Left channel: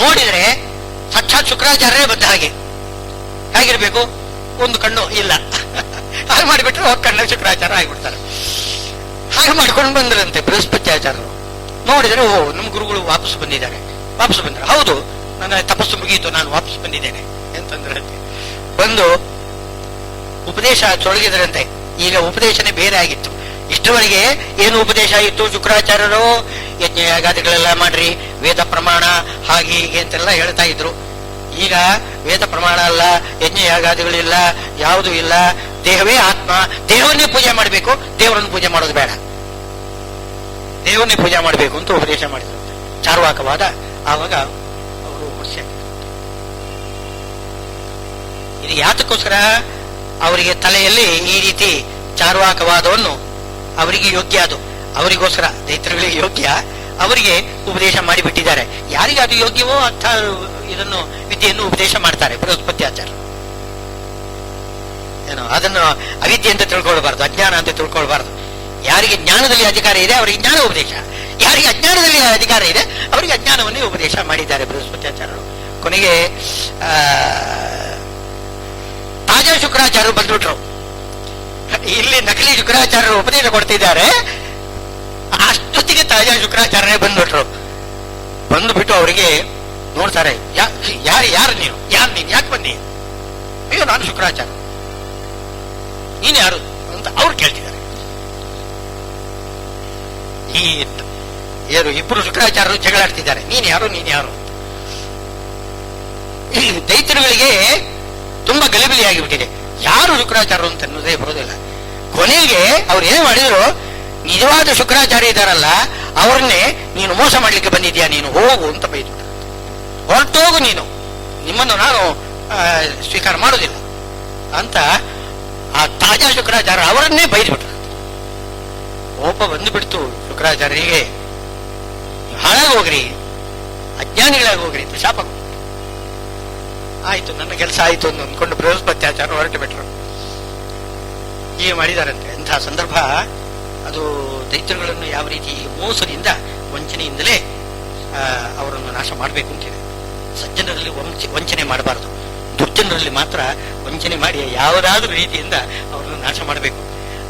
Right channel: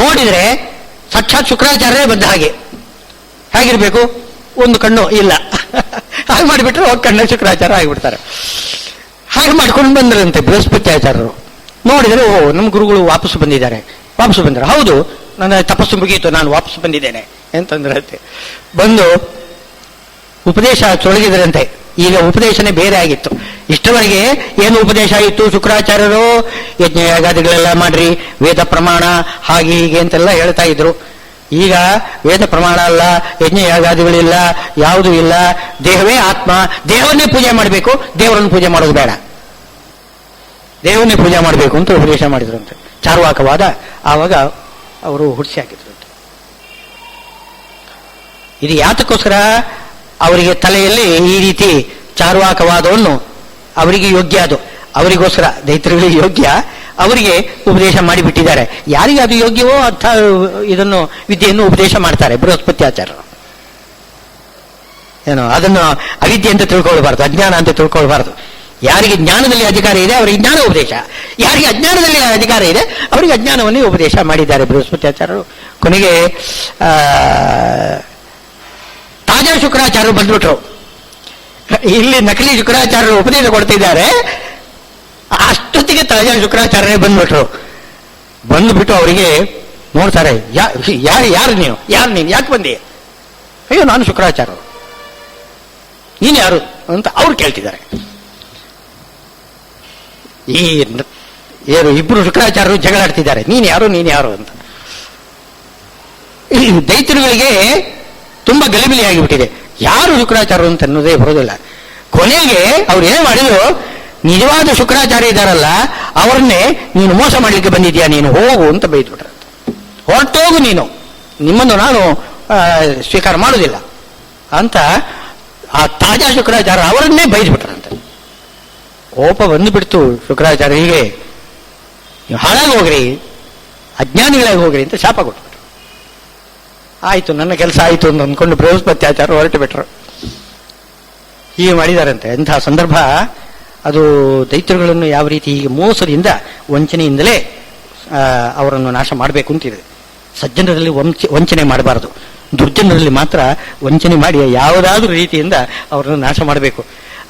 ನೋಡಿದ್ರೆ ಸಾಕ್ಷಾತ್ ಶುಕ್ರಾಚಾರ್ಯರೇ ಬಂದ ಹಾಗೆ. ಹೇಗಿರ್ಬೇಕು? ಒಂದು ಕಣ್ಣು ಇಲ್ಲ, ಹಾಗೆ ಮಾಡಿಬಿಟ್ರೆ ಹೋಗಿ ಕಣ್ಣ ಶುಕ್ರಾಚಾರ್ಯ ಆಗಿಬಿಡ್ತಾರೆ. ಹಾಗೆ ಮಾಡ್ಕೊಂಡು ಬಂದ್ರಂತೆ ಬೃಹಸ್ಪತ್ಯಾಚಾರ್ಯರು. ನೋಡಿದರೆ ಓ, ನಮ್ಮ ಗುರುಗಳು ವಾಪಸ್ ಬಂದಿದ್ದಾರೆ. ಹೌದು, ನನ್ನ ತಪಸ್ಸು ಮುಗಿಯಿತು, ನಾನು ವಾಪಸ್ ಬಂದಿದ್ದೇನೆ ಅಂತಂದ್ರಂತೆ. ಬಂದು ಉಪದೇಶ ತೊಡಗಿದ್ರಂತೆ. ಈಗ ಉಪದೇಶನೇ ಬೇರೆ ಆಗಿತ್ತು. ಇಷ್ಟವರೆಗೆ ಏನು ಉಪದೇಶ ಆಯಿತು? ಶುಕ್ರಾಚಾರ್ಯರು ಯಜ್ಞ ಯಾಗಾದಿಗಳೆಲ್ಲ ಮಾಡ್ರಿ, ವೇದ ಪ್ರಮಾಣ ಹಾಗೆ ಹೀಗೆ ಅಂತೆಲ್ಲ ಹೇಳ್ತಾ ಇದ್ರು. ಈಗ ವೇದ ಪ್ರಮಾಣ ಅಲ್ಲ, ಯಜ್ಞ ಯಾಗಾದಿಗಳಿಲ್ಲ, ಯಾವುದೂ ಇಲ್ಲ, ದೇಹವೇ ಆತ್ಮ, ದೇಹವನ್ನೇ ಪೂಜೆ ಮಾಡಬೇಕು, ದೇವರನ್ನು ಪೂಜೆ ಮಾಡೋದು ಬೇಡ, ದೇವನ್ನೇ ಪೂಜೆ ಮಾಡಬೇಕು ಅಂತ ಉಪದೇಶ ಮಾಡಿದ್ರಂತೆ. ಚಾರ್ವಾಕವಾದ ಆವಾಗ ಅವರು ಹುಡ್ಸಿ ಹಾಕಿದ್ರಂತೆ. ಇದು ಯಾತಕ್ಕೋಸ್ಕರ ಅವರಿಗೆ ತಲೆಯಲ್ಲಿ ಈ ರೀತಿ ಚಾರ್ವಾಕವಾದವನ್ನು ಅವರಿಗೆ ಯೋಗ್ಯ, ಅದು ಅವರಿಗೋಸ್ಕರ, ದೈತ್ಯಗಳಿಗೆ ಯೋಗ್ಯ, ಅವರಿಗೆ ಉಪದೇಶ ಮಾಡಿಬಿಟ್ಟಿದ್ದಾರೆ. ಯಾರಿಗೆ ಅದು ಯೋಗ್ಯವೋ ಅರ್ಥ ಇದನ್ನು ವಿದ್ಯೆಯನ್ನು ಉಪದೇಶ ಮಾಡ್ತಾರೆ ಬೃಹಸ್ಪತ್ಯಾಚಾರ್ಯರು. ಏನು ಅದನ್ನು ಅವಿದ್ಯೆ ಅಂತ ತಿಳ್ಕೊಳ್ಬಾರ್ದು, ಅಜ್ಞಾನ ಅಂತ ತಿಳ್ಕೊಳ್ಬಾರ್ದು. ಯಾರಿಗೆ ಜ್ಞಾನದಲ್ಲಿ ಅಧಿಕಾರ ಇದೆ ಅವರಿಗೆ ಜ್ಞಾನ ಉಪದೇಶ, ಯಾರಿಗೆ ಅಜ್ಞಾನದಲ್ಲಿ ಅಧಿಕಾರ ಇದೆ ಅವರಿಗೆ ಅಜ್ಞಾನವನ್ನೇ ಉಪದೇಶ ಮಾಡಿದ್ದಾರೆ ಬೃಹಸ್ಪತ್ಯಾಚಾರ್ಯರು. ಕೊನೆಗೆ ತಾಜಾ ಶುಕ್ರಾಚಾರ್ಯರು ಬಂದ್ಬಿಟ್ರು. ಇಲ್ಲಿ ನಕಲಿ ಶುಕ್ರಾಚಾರ್ಯರು ಉಪದೇಶ ಕೊಡ್ತಿದ್ದಾರೆ, ಅಷ್ಟೊತ್ತಿಗೆ ತಾಜಾ ಶುಕ್ರಾಚಾರ್ಯರೇ ಬಂದ್ಬಿಟ್ರು. ಬಂದುಬಿಟ್ಟು ಅವರಿಗೆ ನೋಡ್ತಾರೆ, ಯಾರು ನೀನು ಯಾಕೆ ಬಂದಿ? ಅಯ್ಯೋ, ನಾನು ಶುಕ್ರಾಚಾರ್ಯರು. ನೀನು ಯಾರು ಅಂತ ಅವ್ರು ಕೇಳ್ತಿದ್ದಾರೆ. ಈ ಏನು ಇಬ್ರು ಶುಕ್ರಾಚಾರ್ಯರು ಜಗಳಾಡ್ತಿದ್ದಾರೆ, ನೀನು ಯಾರು ಅಂತ. ಈ ದೈತ್ಯರುಗಳಿಗೆ ತುಂಬಾ ಗಲಿಬಿಲಿ ಆಗಿಬಿಟ್ಟಿದೆ. ಯಾರು ಶುಕ್ರಾಚಾರ್ಯರು ಅಂತ ಅನ್ನೋದೇ ಬರೋದಿಲ್ಲ. ಕೊನೆಗೆ ಅವ್ರು ಏನೇ ಮಾಡಿದ್ರು, ನಿಜವಾದ ಶುಕ್ರಾಚಾರ್ಯ ಇದ್ದಾರಲ್ಲ ಅವರನ್ನೇ ನೀನು ಮೋಸ ಮಾಡಲಿಕ್ಕೆ ಬಂದಿದ್ಯಾ, ನೀನು ಹೋಗು ಅಂತ ಬೈದ್ಬಿಟ್ರೆ. ಹೊರಟೋಗು ನೀನು, ನಿಮ್ಮನ್ನು ನಾನು ಸ್ವೀಕಾರ ಮಾಡೋದಿಲ್ಲ ಅಂತ ಆ ತಾಜಾ ಶುಕ್ರಾಚಾರ್ಯ ಅವರನ್ನೇ ಬೈದ್ಬಿಟ್ರಂತೆ. ಕೋಪ ಬಂದುಬಿಡ್ತು ಶುಕ್ರಾಚಾರ್ಯರಿಗೆ. ಹಾಳಾಗಿ ಹೋಗ್ರಿ, ಅಜ್ಞಾನಿಗಳಾಗಿ ಹೋಗ್ರಿ ಅಂತ ಶಾಪ ಕೊಟ್ಬಿಟ್ರು. ಆಯ್ತು, ನನ್ನ ಕೆಲಸ ಆಯ್ತು ಅಂತ ಅಂದ್ಕೊಂಡು ಬೃಹಸ್ಪತ್ಯಾಚಾರ್ಯ ಹೊರಟು ಬಿಟ್ರು. ಹೀಗೆ ಮಾಡಿದಾರಂತೆ. ಎಂಥ ಸಂದರ್ಭ ಅದು! ದೈತ್ಯರುಗಳನ್ನು ಯಾವ ರೀತಿ ಹೀಗೆ ಮೋಸದಿಂದ, ವಂಚನೆಯಿಂದಲೇ ಅವರನ್ನು ನಾಶ ಮಾಡಬೇಕು ಅಂತಿದೆ. ಸಜ್ಜನರಲ್ಲಿ ವಂಚನೆ ಮಾಡಬಾರದು, ದುರ್ಜನರಲ್ಲಿ ಮಾತ್ರ ವಂಚನೆ ಮಾಡಿ ಯಾವುದಾದ್ರೂ ರೀತಿಯಿಂದ ಅವರನ್ನು ನಾಶ ಮಾಡಬೇಕು.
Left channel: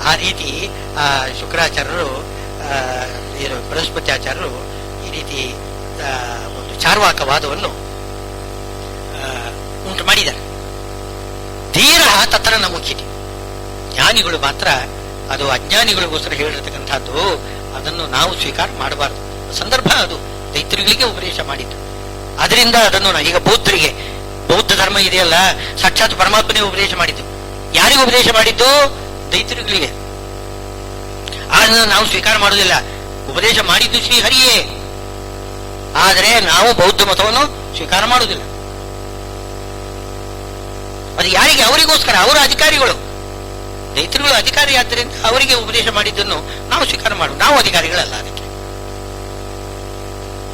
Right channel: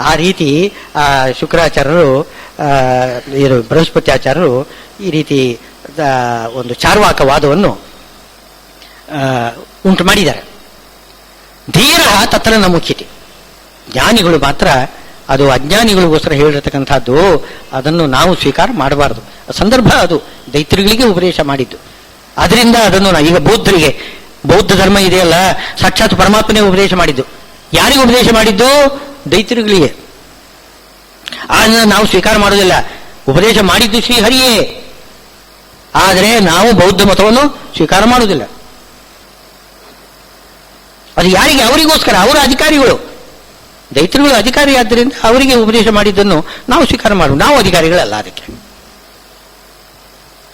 ಆ ರೀತಿ ಶುಕ್ರಾಚಾರ್ಯರು, ಬೃಹಸ್ಪತ್ಯಾಚಾರ್ಯರು ಈ ರೀತಿ ಒಂದು ಚಾರ್ವಾಕವಾದವನ್ನು ಉಂಟು ಮಾಡಿದ್ದಾರೆ. ಧೀರ ತತ್ರ ನ ಮುಖ್ಯತೆ. ಜ್ಞಾನಿಗಳು ಮಾತ್ರ, ಅದು ಅಜ್ಞಾನಿಗಳಿಗೋಸ್ಕರ ಹೇಳಿರತಕ್ಕಂಥದ್ದು, ಅದನ್ನು ನಾವು ಸ್ವೀಕಾರ ಮಾಡಬಾರದು. ಸಂದರ್ಭ ಅದು ದೈತ್ಯರುಗಳಿಗೆ ಉಪದೇಶ ಮಾಡಿದ್ದು. ಅದರಿಂದ ಅದನ್ನು ಈಗ ಬೌದ್ಧರಿಗೆ, ಬೌದ್ಧ ಧರ್ಮ ಇದೆಯಲ್ಲ, ಸಾಕ್ಷಾತ್ ಪರಮಾತ್ಮನೇ ಉಪದೇಶ ಮಾಡಿದ್ದು. ಯಾರಿಗೆ ಉಪದೇಶ ಮಾಡಿದ್ದು? ದೈತ್ಯರುಗಳಿಗೆ. ಅದನ್ನು ನಾವು ಸ್ವೀಕಾರ ಮಾಡೋದಿಲ್ಲ. ಉಪದೇಶ ಮಾಡಿದ್ದು ಶ್ರೀಹರಿಯೇ, ಆದರೆ ನಾವು ಬೌದ್ಧ ಮತವನ್ನು ಸ್ವೀಕಾರ ಮಾಡುವುದಿಲ್ಲ. ಅದು ಯಾರಿಗೆ? ಅವರಿಗೋಸ್ಕರ, ಅವರ ಅಧಿಕಾರಿಗಳು. ದೈತ್ಯರುಗಳು ಅಧಿಕಾರಿ ಆದ್ದರಿಂದ ಅವರಿಗೆ ಉಪದೇಶ ಮಾಡಿದ್ದನ್ನು ನಾವು ಸ್ವೀಕಾರ ಮಾಡುವುದು, ನಾವು ಅಧಿಕಾರಿಗಳಲ್ಲ ಅದಕ್ಕೆ.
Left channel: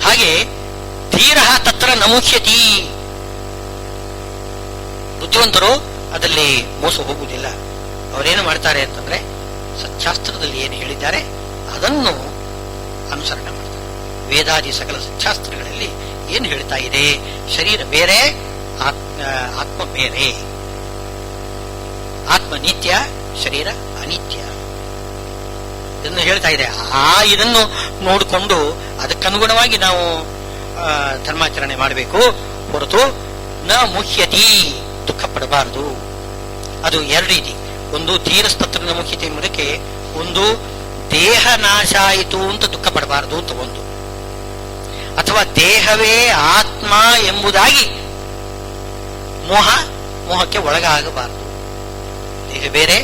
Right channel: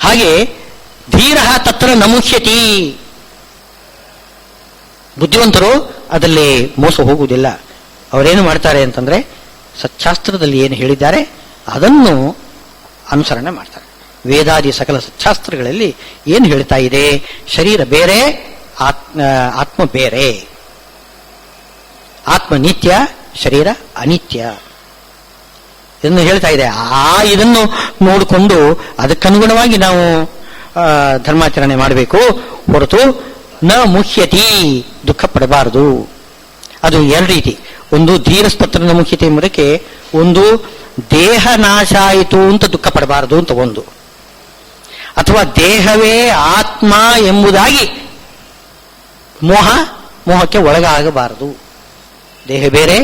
ಹಾಗೆ ಧೀರ ತತ್ರ ನಮುಷ್ಯತಿ. ಬುದ್ಧಿವಂತರು ಅದರಲ್ಲಿ ಮೋಸ ಹೋಗುವುದಿಲ್ಲ. ಅವರೇನು ಮಾಡ್ತಾರೆ ಅಂತಂದ್ರೆ, ಸಚ್ಚಾಸ್ತ್ರದಲ್ಲಿ ಏನು ಹೇಳಿದ್ದಾರೆ ಅದನ್ನು ಅನುಸರಣೆ ಮಾಡ್ತಾರೆ. ವೇದಾದಿ ಸಕಲ ಸಚ್ಚಾಸ್ತ್ರಗಳಲ್ಲಿ ಏನು ಹೇಳ್ತಾ ಇದೆ? ಶರೀರ ಬೇರೆ, ಆತ್ಮ ಬೇರೆ. ಆತ್ಮ ನಿತ್ಯ, ಶರೀರ ಅನಿತ್ಯ ಇದನ್ನು ಹೇಳ್ತಾ ಇದೆ. ಇದನ್ನು ನೋಡಿಕೊಂಡು ಅದಕ್ಕನುಗುಣವಾಗಿ ನಾವು ಧರ್ಮಾಚರಣೆ ಮಾಡಬೇಕು ಹೊರತು ನ ಮುಖ್ಯತಿ, ದುಃಖ ಪಡಬಾರದು. ಅದು ಎರಡು ರೀತಿ. ಒಂದು ಧೀರಸ್ತತ್ರ ನ ಮುಖ್ಯತೆ ಎಂಬುದಕ್ಕೆ, ಒಂದು ದೇಹ ನಾಶ ಆಯಿತು ಅಂತ ದುಃಖ ಪಡಬಾರದು ಅಂತ ಒಂದು, ಅಥವಾ ದೇಹವೇ ಆತ್ಮ ಎಂಬುದಾಗಿ ಮೋಹಕ್ಕೆ ಒಳಗಾಗಬಾರದು. ದೇಹ ಬೇರೆ,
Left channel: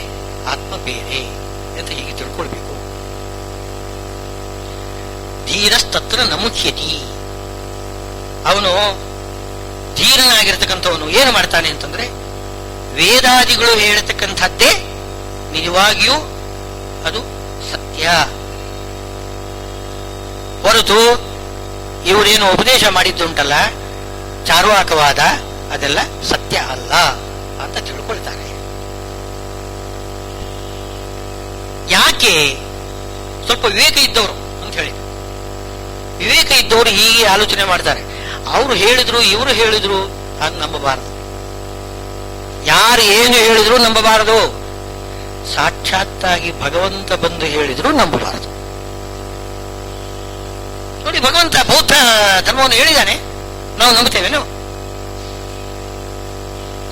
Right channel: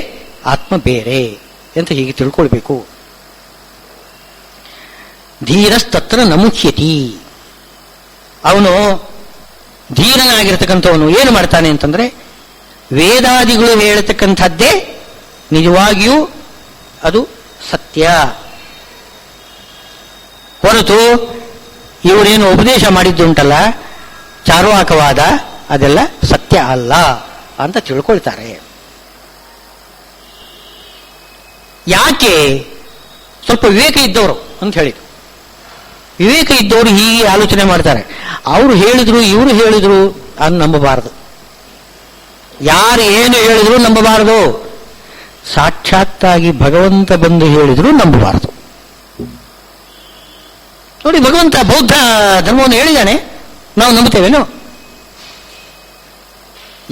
ಆತ್ಮ ಬೇರೆ ಅಂತ ಹೀಗೆ ತಿಳ್ಕೊಳ್ಬೇಕು. ಧೀರಸ್ತತ್ರ ನಮುಖ್ಯತಿ. ಅವನು ಧೀರನಾಗಿರ್ತಕ್ಕಂಥವನು ಏನು ಮಾಡ್ತಾನೆ ಅಂತಂದ್ರೆ, ವೇದಾದಿಗಳು ಹೇಳತಕ್ಕಂಥದ್ದೇ ನಿಜವಾಗಿಯೂ ಅದು ಸತ್ಯ, ಹೊರತು ಇವರೇನು ಉಪದೇಶ ಮಾಡಿದ್ದುಂಟಲ್ಲ ಚಾರ್ವಾಕವಾದ, ಅದೆಲ್ಲ ಸತ್ಯ ಅಲ್ಲ ಅಂತ ತಿಳ್ಕೊಳ್ತಾರೆ. ಯಾಕೆ? ಸ್ವಲ್ಪ ವಿವೇಕ ಇದ್ದವರು ಅಂತ ಹೇಳಿದ್ರು. ವಿವೇಕ ಇದ್ದವರು ಹೀಗೆ ಆಲೋಚನೆ ಮಾಡ್ತಾರೆ. ಅವರು ಹೇಳಿದ್ರು ಇವರು ಹೇಳಿದ್ರು ಅದು ನಂಬಬಾರದು. ಯಾರು ಏನು ಹೇಳಿದ್ರು ನಂಬಬಾರದು. ಸಾಕ್ಷಾತ್ತಾಗಿ ಭಗವಂತ ಬಂದು ಹೇಳಿದ್ರು ನಂಬಬಾರದು. ನೋಡಿ, ಭಗವಂತ ಬೌದ್ಧ ಧರ್ಮವನ್ನು ಹೇಳಿದ್ದಾನೆ, ನಾವು ನಂಬುತ್ತೇವೇನೋ?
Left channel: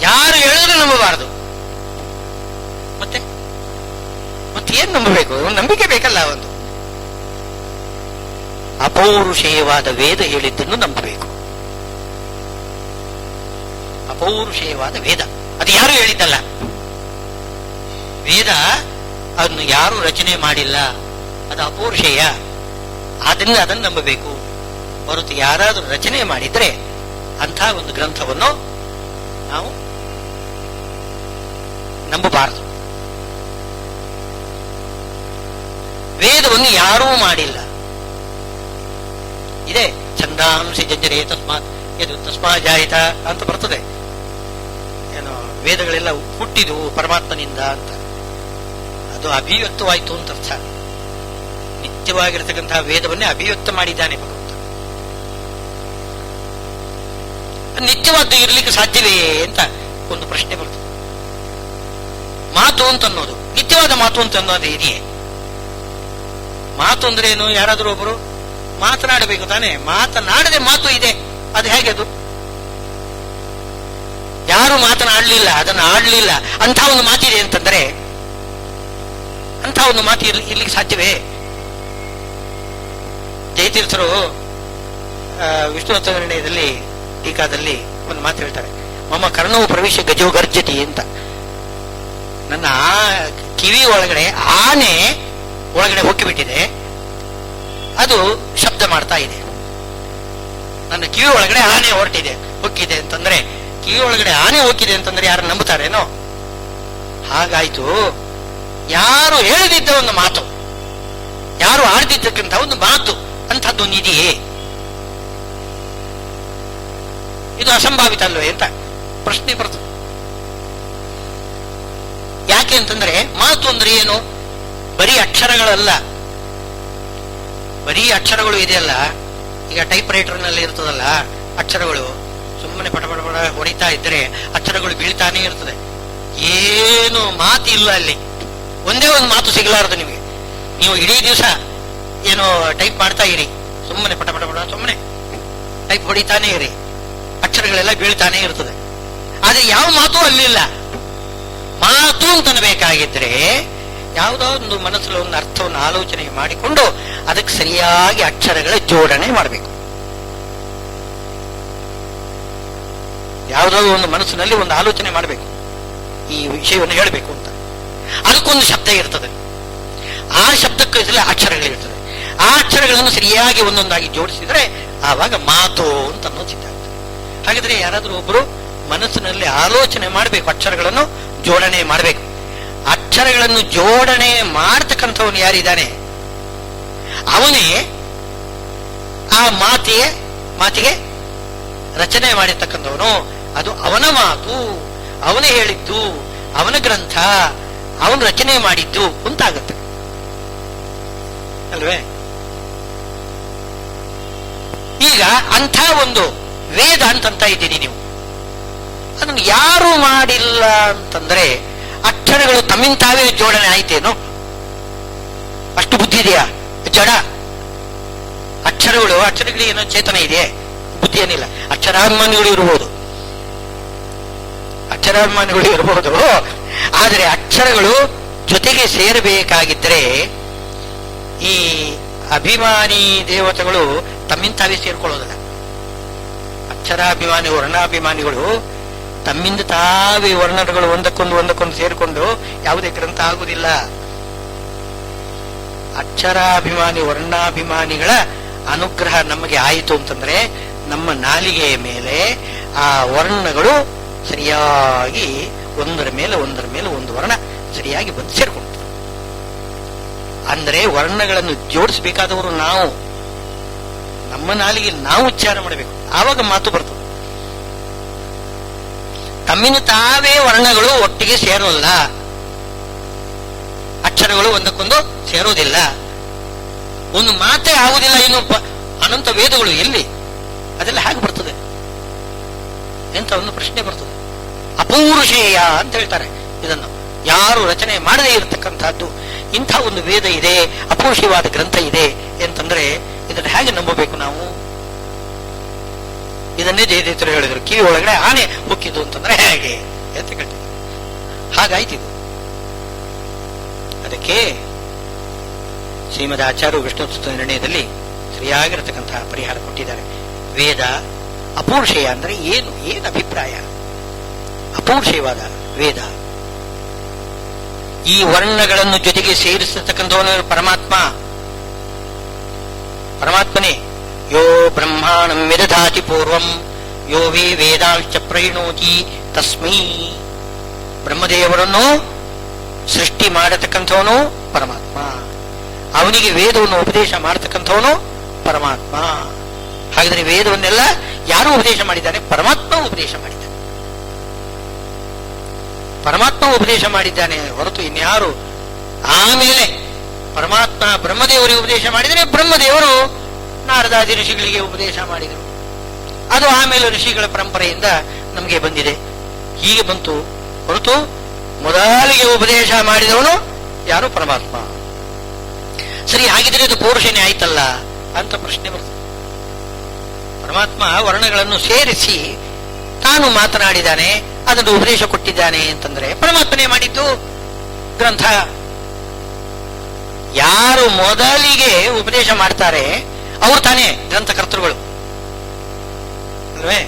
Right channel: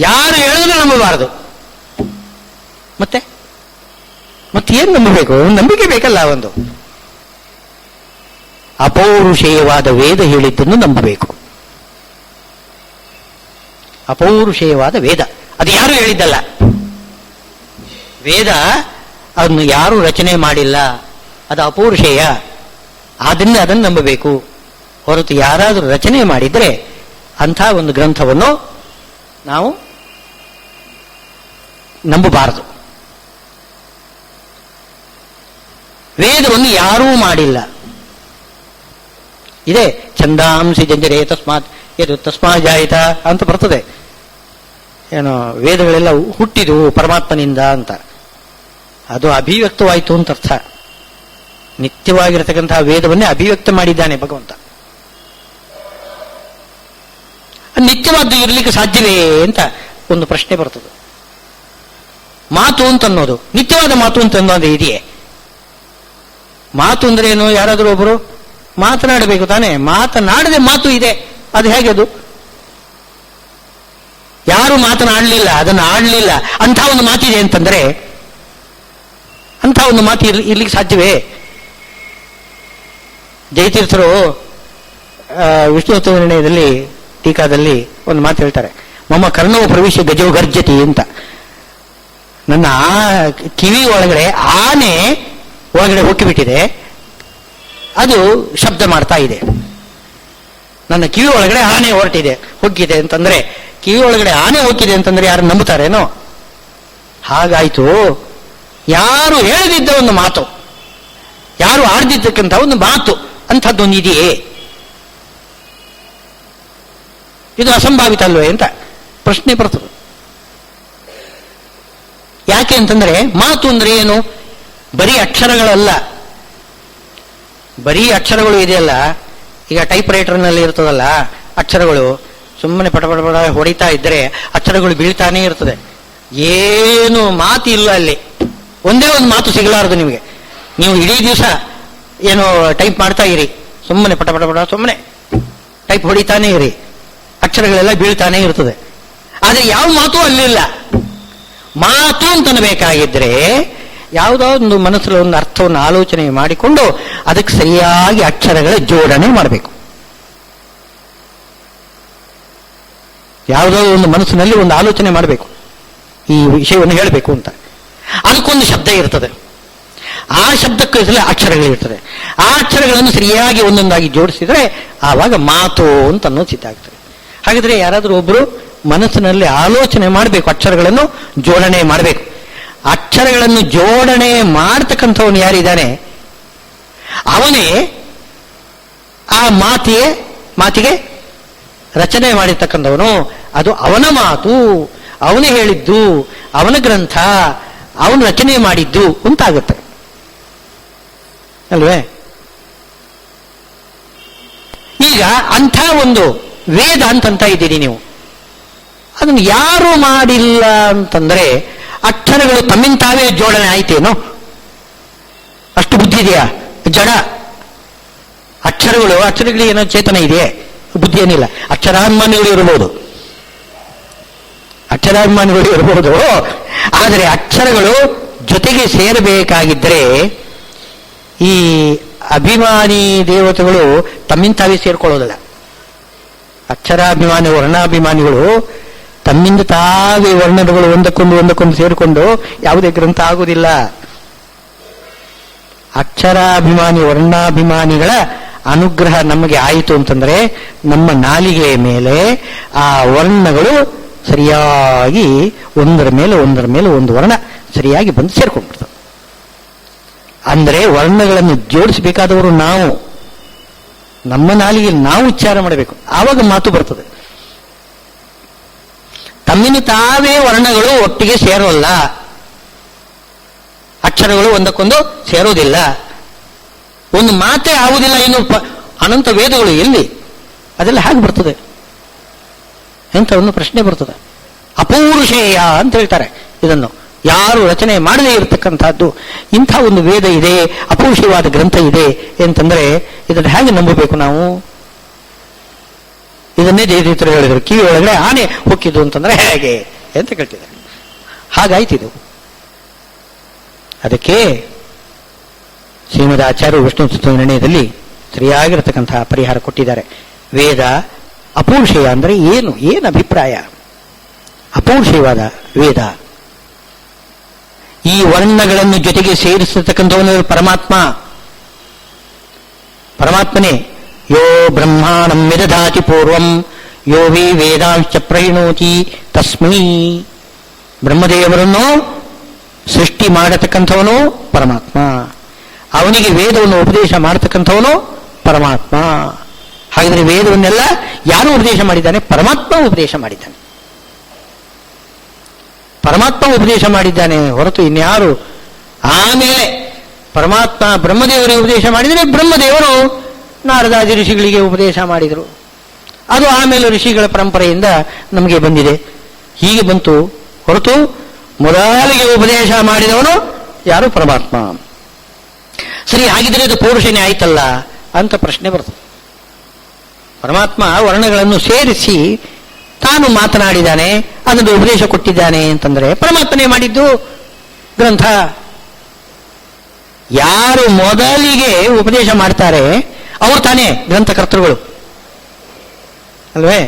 ಯಾರು ಹೇಳಿದ್ರು ನಂಬಬಾರದು. ಮತ್ತೇನು ನಂಬಬೇಕು? ನಂಬಿಕೆ ಬೇಕಲ್ಲ. ಒಂದು ಅಪೌರುಷೇಯವಾದ ವೇದ ಹೇಳಿದ್ದನ್ನು ನಂಬಬೇಕು. ಅಪೌರುಷೇಯವಾದ ವೇದ, ಅದು ಯಾರು ಹೇಳಿದ್ದಲ್ಲ. ವೇದ ಅದನ್ನು ಯಾರು ರಚನೆ ಮಾಡಿಲ್ಲ, ಅದು ಅಪೌರುಷೇಯ. ಆದ್ದರಿಂದ ಅದನ್ನು ನಂಬಬೇಕು. ಹೊರತು ಯಾರಾದರೂ ರಚನೆ ಮಾಡಿದ್ರೆ ಅಂಥ ಒಂದು ಗ್ರಂಥವನ್ನು ನಾವು ನಂಬಬಾರದು. ವೇದವನ್ನು ಯಾರೂ ಮಾಡಿಲ್ಲ. ಇದೆ ಛಂದಾಂಸಿ ಜಂಜರೇ ತಸ್ಮಾತ್ ಇದು ತಸ್ಮಾ ಜಾಯಿತ ಅಂತ ಬರ್ತದೆ. ಏನು ವೇದಗಳೆಲ್ಲ ಹುಟ್ಟಿದವು ಪರಮಾತ್ಮನಿಂದ ಅಂತ. ಅದು ಅಭಿವ್ಯಕ್ತವಾಯಿತು ಅಂತ ಅರ್ಥ. ನಿತ್ಯವಾಗಿರತಕ್ಕಂತಹ ವೇದವನ್ನೇ ಅಭಿವ್ಯಕ್ತ ಮಾಡಿದ್ದಾನೆ ಭಗವಂತ. ನಿತ್ಯವಾದ್ದು ಇರಲಿಕ್ಕೆ ಸಾಧ್ಯವೇ ಅಂತ ಒಂದು ಪ್ರಶ್ನೆ ಬರ್ತದೆ. ಮಾತು ಅಂತ ಅನ್ನೋದು ನಿತ್ಯವಾದ ಮಾತು ಅಂತ ಅನ್ನೋದು ಇದೆಯೇ? ಮಾತು ಅಂದ್ರೆ ಏನು? ಯಾರಾದರೂ ಒಬ್ಬರು ಮಾತನಾಡಬೇಕು ತಾನೆ. ಮಾತನಾಡದೆ ಮಾತು ಇದೆ, ಅದು ಹೇಗೆ? ಅದು ಯಾರು ಮಾತನಾಡಲಿಲ್ಲ, ಅದನ್ನು ಆಡಲಿಲ್ಲ, ಅಂಥ ಒಂದು ಮಾತಿದೆ ಅಂತಂದ್ರೆ ಅಂಥ ಒಂದು ಮಾತು ಇರ್ಲಿಕ್ಕೆ ಸಾಧ್ಯವೇ? ಜಯತೀರ್ಥರು ವಿಷ್ಣುತತ್ವ ನಿರ್ಣಯದಲ್ಲಿ ಟೀಕಾದಲ್ಲಿ ಒಂದು ಮಾತು ಹೇಳ್ತಾರೆ, ಮಮ್ಮ ಕರ್ಣವು ಪ್ರವೇಶ ಗಜೋ ಗರ್ಜತಿ ಅಂತ. ನನ್ನ ಕಿವಿ ಒಳಗಡೆ ಆನೆ ಒಳಗಡೆ ಹೊಕ್ಕಿಬಿಟ್ಟಿದೆ, ಅದು ಶಬ್ದ ಮಾಡ್ತಾ ಇದೆ. ನನ್ನ ಕಿವಿ ಒಳಗಡೆ ಆನೆ ಹೊರಟಿದೆ, ಹೊಕ್ಕಿದೆ ಅಂತಂದ್ರೆ, ಕಿವಿ ಒಳಗಡೆ ಆನೆ ಹೋಗಿದೆ ಅಂತಂದ್ರೆ ಯಾರು ನಂಬುತ್ತಾರೇನೋ? ಹಾಗಾಯ್ತು. ಯಾರು ಹೇಳದಿದ್ದ ಒಂದು ಮಾತು, ಯಾರು ಆಡ್ದಿದ್ದಕ್ಕಂಥ ಒಂದು ಮಾತು, ಅಂಥದ್ದೊಂದು ಇದೆಯೇ? ಇದು ಅಸಂಭಾವಿತ ಅಲ್ವೇ ಅಂತ ಪ್ರಶ್ನೆ ಬರ್ತದೆ. ಯಾಕೆ ಅಂತಂದ್ರೆ ಮಾತು ಅಂದ್ರೆ ಏನು? ಬರೀ ಅಕ್ಷರಗಳಲ್ಲ. ಬರೀ ಅಕ್ಷರಗಳು ಇದೆಯಲ್ಲ, ಈಗ ಟೈಪ್ ರೈಟರ್ನಲ್ಲಿ ಇರ್ತದಲ್ಲ ಅಕ್ಷರಗಳು, ಸುಮ್ಮನೆ ಪಟ ಪಟ ಪಟ ಹೊಡಿತಾ ಇದ್ರೆ ಅಕ್ಷರಗಳು ಬೀಳ್ತಾನೆ ಇರ್ತದೆ. ಏನು ಮಾತು ಇಲ್ಲ ಅಲ್ಲಿ. ಒಂದೇ ಒಂದು ಮಾತು ಸಿಗಲಾರದು ನಿಮಗೆ. ನೀವು ಇಡೀ ದಿವಸ ಏನು ಟೈಪ್ ಮಾಡ್ತಾ ಇರಿ, ಸುಮ್ಮನೆ ಪಟ ಪಟ ಪಟ ಸುಮ್ಮನೆ ಟೈಪ್ ಹೊಡಿತಾನೆ ಇರಿ, ಅಕ್ಷರಗಳೆಲ್ಲ ಬೀಳ್ತಾನೆ ಇರ್ತದೆ. ಆದ್ರೆ ಯಾವ ಮಾತು ಅಲ್ಲಿಲ್ಲ. ಮಾತು ಅಂತನಬೇಕಾಗಿದ್ರೆ ಯಾವುದೋ ಒಂದು ಮನಸ್ಸಲ್ಲಿ ಒಂದು ಅರ್ಥವನ್ನು ಆಲೋಚನೆ ಮಾಡಿಕೊಂಡು ಅದಕ್ಕೆ ಸರಿಯಾಗಿ ಅಕ್ಷರಗಳ ಜೋಡಣೆ ಮಾಡಬೇಕು. ಯಾವುದೋ ಒಂದು ಮನಸ್ಸಿನಲ್ಲಿ ಒಂದು ಆಲೋಚನೆ ಮಾಡಬೇಕು, ಈ ವಿಷಯವನ್ನು ಹೇಳಬೇಕು ಅಂತ. ಅದಕ್ಕೊಂದು ಶಬ್ದ ಇರ್ತದೆ, ಆ ಶಬ್ದಕ್ಕೂ ಹೆಸರು ಅಕ್ಷರಗಳಿರ್ತದೆ. ಆ ಅಕ್ಷರಗಳನ್ನು ಸರಿಯಾಗಿ ಒಂದೊಂದಾಗಿ ಜೋಡಿಸಿದ್ರೆ ಆವಾಗ ಮಾತು ಅಂತ ಅನ್ನೋದು ಸಿದ್ಧ ಆಗ್ತದೆ. ಹಾಗಿದ್ರೆ ಯಾರಾದರೂ ಒಬ್ಬರು ಮನಸ್ಸಿನಲ್ಲಿ ಆಲೋಚನೆ ಮಾಡಬೇಕು, ಅಕ್ಷರಗಳನ್ನು ಜೋಡಣೆ ಮಾಡಬೇಕು. ಅಕ್ಷರಗಳನ್ನು ಜೋಡಣೆ ಮಾಡತಕ್ಕಂಥವನು ಯಾರಿದ್ದಾನೆ ಅವನೇ ಆ ಮಾತಿಗೆ ರಚನೆ ಮಾಡಿರ್ತಕ್ಕಂಥವನು. ಅದು ಅವನ ಮಾತು, ಅವನೇ ಹೇಳಿದ್ದು, ಅವನ ಗ್ರಂಥ, ಅವನು ರಚನೆ ಮಾಡಿದ್ದು ಅಂತಾಗುತ್ತೆ ಅಲ್ವೇ? ಈಗ ಅಂಥ ಒಂದು ವೇದ ಅಂತಂತ ಇದ್ದೀರಿ ನೀವು, ಅದನ್ನು ಯಾರು ಮಾಡಿಲ್ಲ ಅಂತಂದ್ರೆ ಅಕ್ಷರಗಳು ತಮ್ಮಿಂತಾವೇ ಜೋಡಣೆ ಆಯ್ತೇನೋ? ಅಷ್ಟು ಬುದ್ಧಿ ಇದೆಯಾ? ಜಡ ಅಕ್ಷರಗಳಿಗೆ ಏನೋ ಚೇತನ ಇದೆಯೇ? ಬುದ್ಧಿ ಏನಿಲ್ಲ. ಅಕ್ಷರಾಭಿಮಾನಿಗಳು ಇರಬಹುದು, ಆದರೆ ಅಕ್ಷರಗಳು ಜೊತೆಗೆ ಸೇರಬೇಕಾಗಿದ್ದರೆ ಈ ಅಭಿಮಾನಿ ದೇವತೆಗಳು ತಮ್ಮಿಂತಾವೇ ಸೇರ್ಕೊಳ್ಳೋದಿಲ್ಲ. ಅಕ್ಷರಾಭಿಮಾನಿ ವರ್ಣಾಭಿಮಾನಿಗಳು ತಮ್ಮಿಂದ ತಾವೇ ವರ್ಣಗಳು ಒಂದಕ್ಕೊಂದು ಸೇರಿಕೊಂಡು ಯಾವುದೇ ಗ್ರಂಥ ಆಗುವುದಿಲ್ಲ. ಅಕ್ಷರಾಭಿಮಾನಿ ವರ್ಣಾಭಿಮಾನಿಗಳ ಅನುಗ್ರಹ ನಮಗೆ ಆಯಿತು ಅಂತಂದ್ರೆ ನಮ್ಮ ನಾಲಿಗೆಯ ಮೇಲೆ ಆ ವರ್ಣಗಳು ಸರಿಯಾಗಿ ಒಂದರ ಮೇಲೆ ಒಂದು ವರ್ಣ ಸರಿಯಾಗಿ ಬಂದು ಸೇರ್ಕೊಂಡ್ಬಿಡ್ತವೆ. ಅಂದ್ರೆ ವರ್ಣಗಳನ್ನು ಜೋಡಿಸಬೇಕಾದವರು ನಾವು, ನಮ್ಮ ನಾಲಿಗೆಯಲ್ಲಿ ನಾವು ಉಚ್ಚಾರ ಮಾಡಬೇಕು, ಆವಾಗ ಮಾತು ಬರ್ತದೆ. ತಮ್ಮಿನ ತಾವೇ ವರ್ಣಗಳು ಒಟ್ಟಿಗೆ ಸೇರೋಲ್ಲ, ಅಕ್ಷರಗಳು ಒಂದಕ್ಕೊಂದು ಸೇರೋದಿಲ್ಲ, ಒಂದು ಮಾತೇ ಆಗುವುದಿಲ್ಲ. ಇನ್ನು ಅನಂತ ವೇದಗಳು ಎಲ್ಲಿ? ಅದೆಲ್ಲ ಹೇಗೆ ಬರ್ತದೆ ಎಂತ ಒಂದು ಪ್ರಶ್ನೆ ಬರ್ತದೆ. ಅಪೌರುಷೇಯ ಅಂತ ಹೇಳ್ತಾರೆ ಇದನ್ನು. ಯಾರು ರಚನೆ ಮಾಡದೇ ಇರತಕ್ಕಂಥದ್ದು ಇಂಥ ಒಂದು ವೇದ ಇದೆ, ಅಪೌರುಷವಾದ ಗ್ರಂಥ ಇದೆ ಅಂತಂದ್ರೆ ಇದನ್ನು ಹೇಗೆ ನಂಬಬೇಕು ನಾವು? ಇದನ್ನೇ ಜಯತೀರ್ಥರು ಹೇಳಿದರು, ಕಿವಿ ಒಳಗಡೆ ಆನೆ ಹೊಕ್ಕಿದ್ದು ಅಂತಂದ್ರೆ ಹೇಗೆ ಅಂತ ಕೇಳ್ತಿದ್ದಾರೆ. ಹಾಗಾಯ್ತಿದು. ಅದಕ್ಕೆ ಶ್ರೀಮದ್ ಆಚಾರ್ಯರು ವಿಷ್ಣು ತತ್ವ ನಿರ್ಣಯದಲ್ಲಿ ಸರಿಯಾಗಿರತಕ್ಕಂತಹ ಪರಿಹಾರ ಕೊಟ್ಟಿದ್ದಾರೆ. ವೇದ ಅಪೌರುಷೇಯ ಅಂದ್ರೆ ಏನು ಅಭಿಪ್ರಾಯ? ಅಪೌರುಷೇಯವಾದ ವೇದ ಈ ವರ್ಣಗಳನ್ನು ಜೊತೆಗೆ ಸೇರಿಸತಕ್ಕಂಥವನು ಪರಮಾತ್ಮನೇ. ಯೋ ಬ್ರಹ್ಮಾಣಂ ವಿದಧಾತಿ ಪೂರ್ವಂ ಯೋ ವೇ ವೇದಾಂಶ್ಚ ಪ್ರಹಿಣೋತಿ ತಸ್ಮೈ. ಬ್ರಹ್ಮದೇವರನ್ನು ಸೃಷ್ಟಿ ಮಾಡತಕ್ಕಂಥವನು ಪರಮಾತ್ಮ, ಅವನಿಗೆ ವೇದವನ್ನು ಉಪದೇಶ ಮಾಡತಕ್ಕಂಥವನು ಪರಮಾತ್ಮ. ಹಾಗಿದ್ರೆ ವೇದವನ್ನೆಲ್ಲ ಯಾರು ಉಪದೇಶ ಮಾಡಿದ್ದಾನೆ? ಪರಮಾತ್ಮ ಉಪದೇಶ ಮಾಡಿದ್ದಾನೆ. ಪರಮಾತ್ಮ ಉಪದೇಶ ಮಾಡಿದ್ದಾನೆ ಹೊರತು ಇನ್ಯಾರು. ಆಮೇಲೆ ಪರಮಾತ್ಮ ಬ್ರಹ್ಮದೇವರಿಗೆ ಉಪದೇಶ ಮಾಡಿದರೆ ಬ್ರಹ್ಮದೇವರು ನಾರದಾದಿ ಋಷಿಗಳಿಗೆ ಉಪದೇಶ ಮಾಡಿದರು. ಅದು ಆಮೇಲೆ ಋಷಿಗಳ ಪರಂಪರೆಯಿಂದ ನಮಗೆ ಬಂದಿದೆ. ಹೀಗೆ ಬಂತು ಹೊರತು ಮೊದಲಿಗೆ ಉಪದೇಶ ಮಾಡಿದವನು ಯಾರು? ಪರಮಾತ್ಮ. ಸರಿ, ಹಾಗಿದ್ರೆ ಅದು ಪೌರುಷನೇ ಆಯ್ತಲ್ಲ ಅಂತ ಪ್ರಶ್ನೆ ಬರ್ತದೆ. ಪರಮಾತ್ಮ ವರ್ಣಗಳನ್ನು ಸೇರಿಸಿ ತಾನು ಮಾತನಾಡಿದ್ದಾನೆ, ಅದನ್ನು ಉಪದೇಶ ಕೊಟ್ಟಿದ್ದಾನೆ ಅಂತಂದ್ರೆ ಪರಮಾತ್ಮನೇ ಮಾಡಿದ್ದು ಗ್ರಂಥ. ಯಾರು ಮೊದಲಿಗೆ ಉಪದೇಶ ಮಾಡ್ತಾರೆ ಅವರು ತಾನೇ ಗ್ರಂಥಕರ್ತೃಗಳು ಅಲ್ವೇ?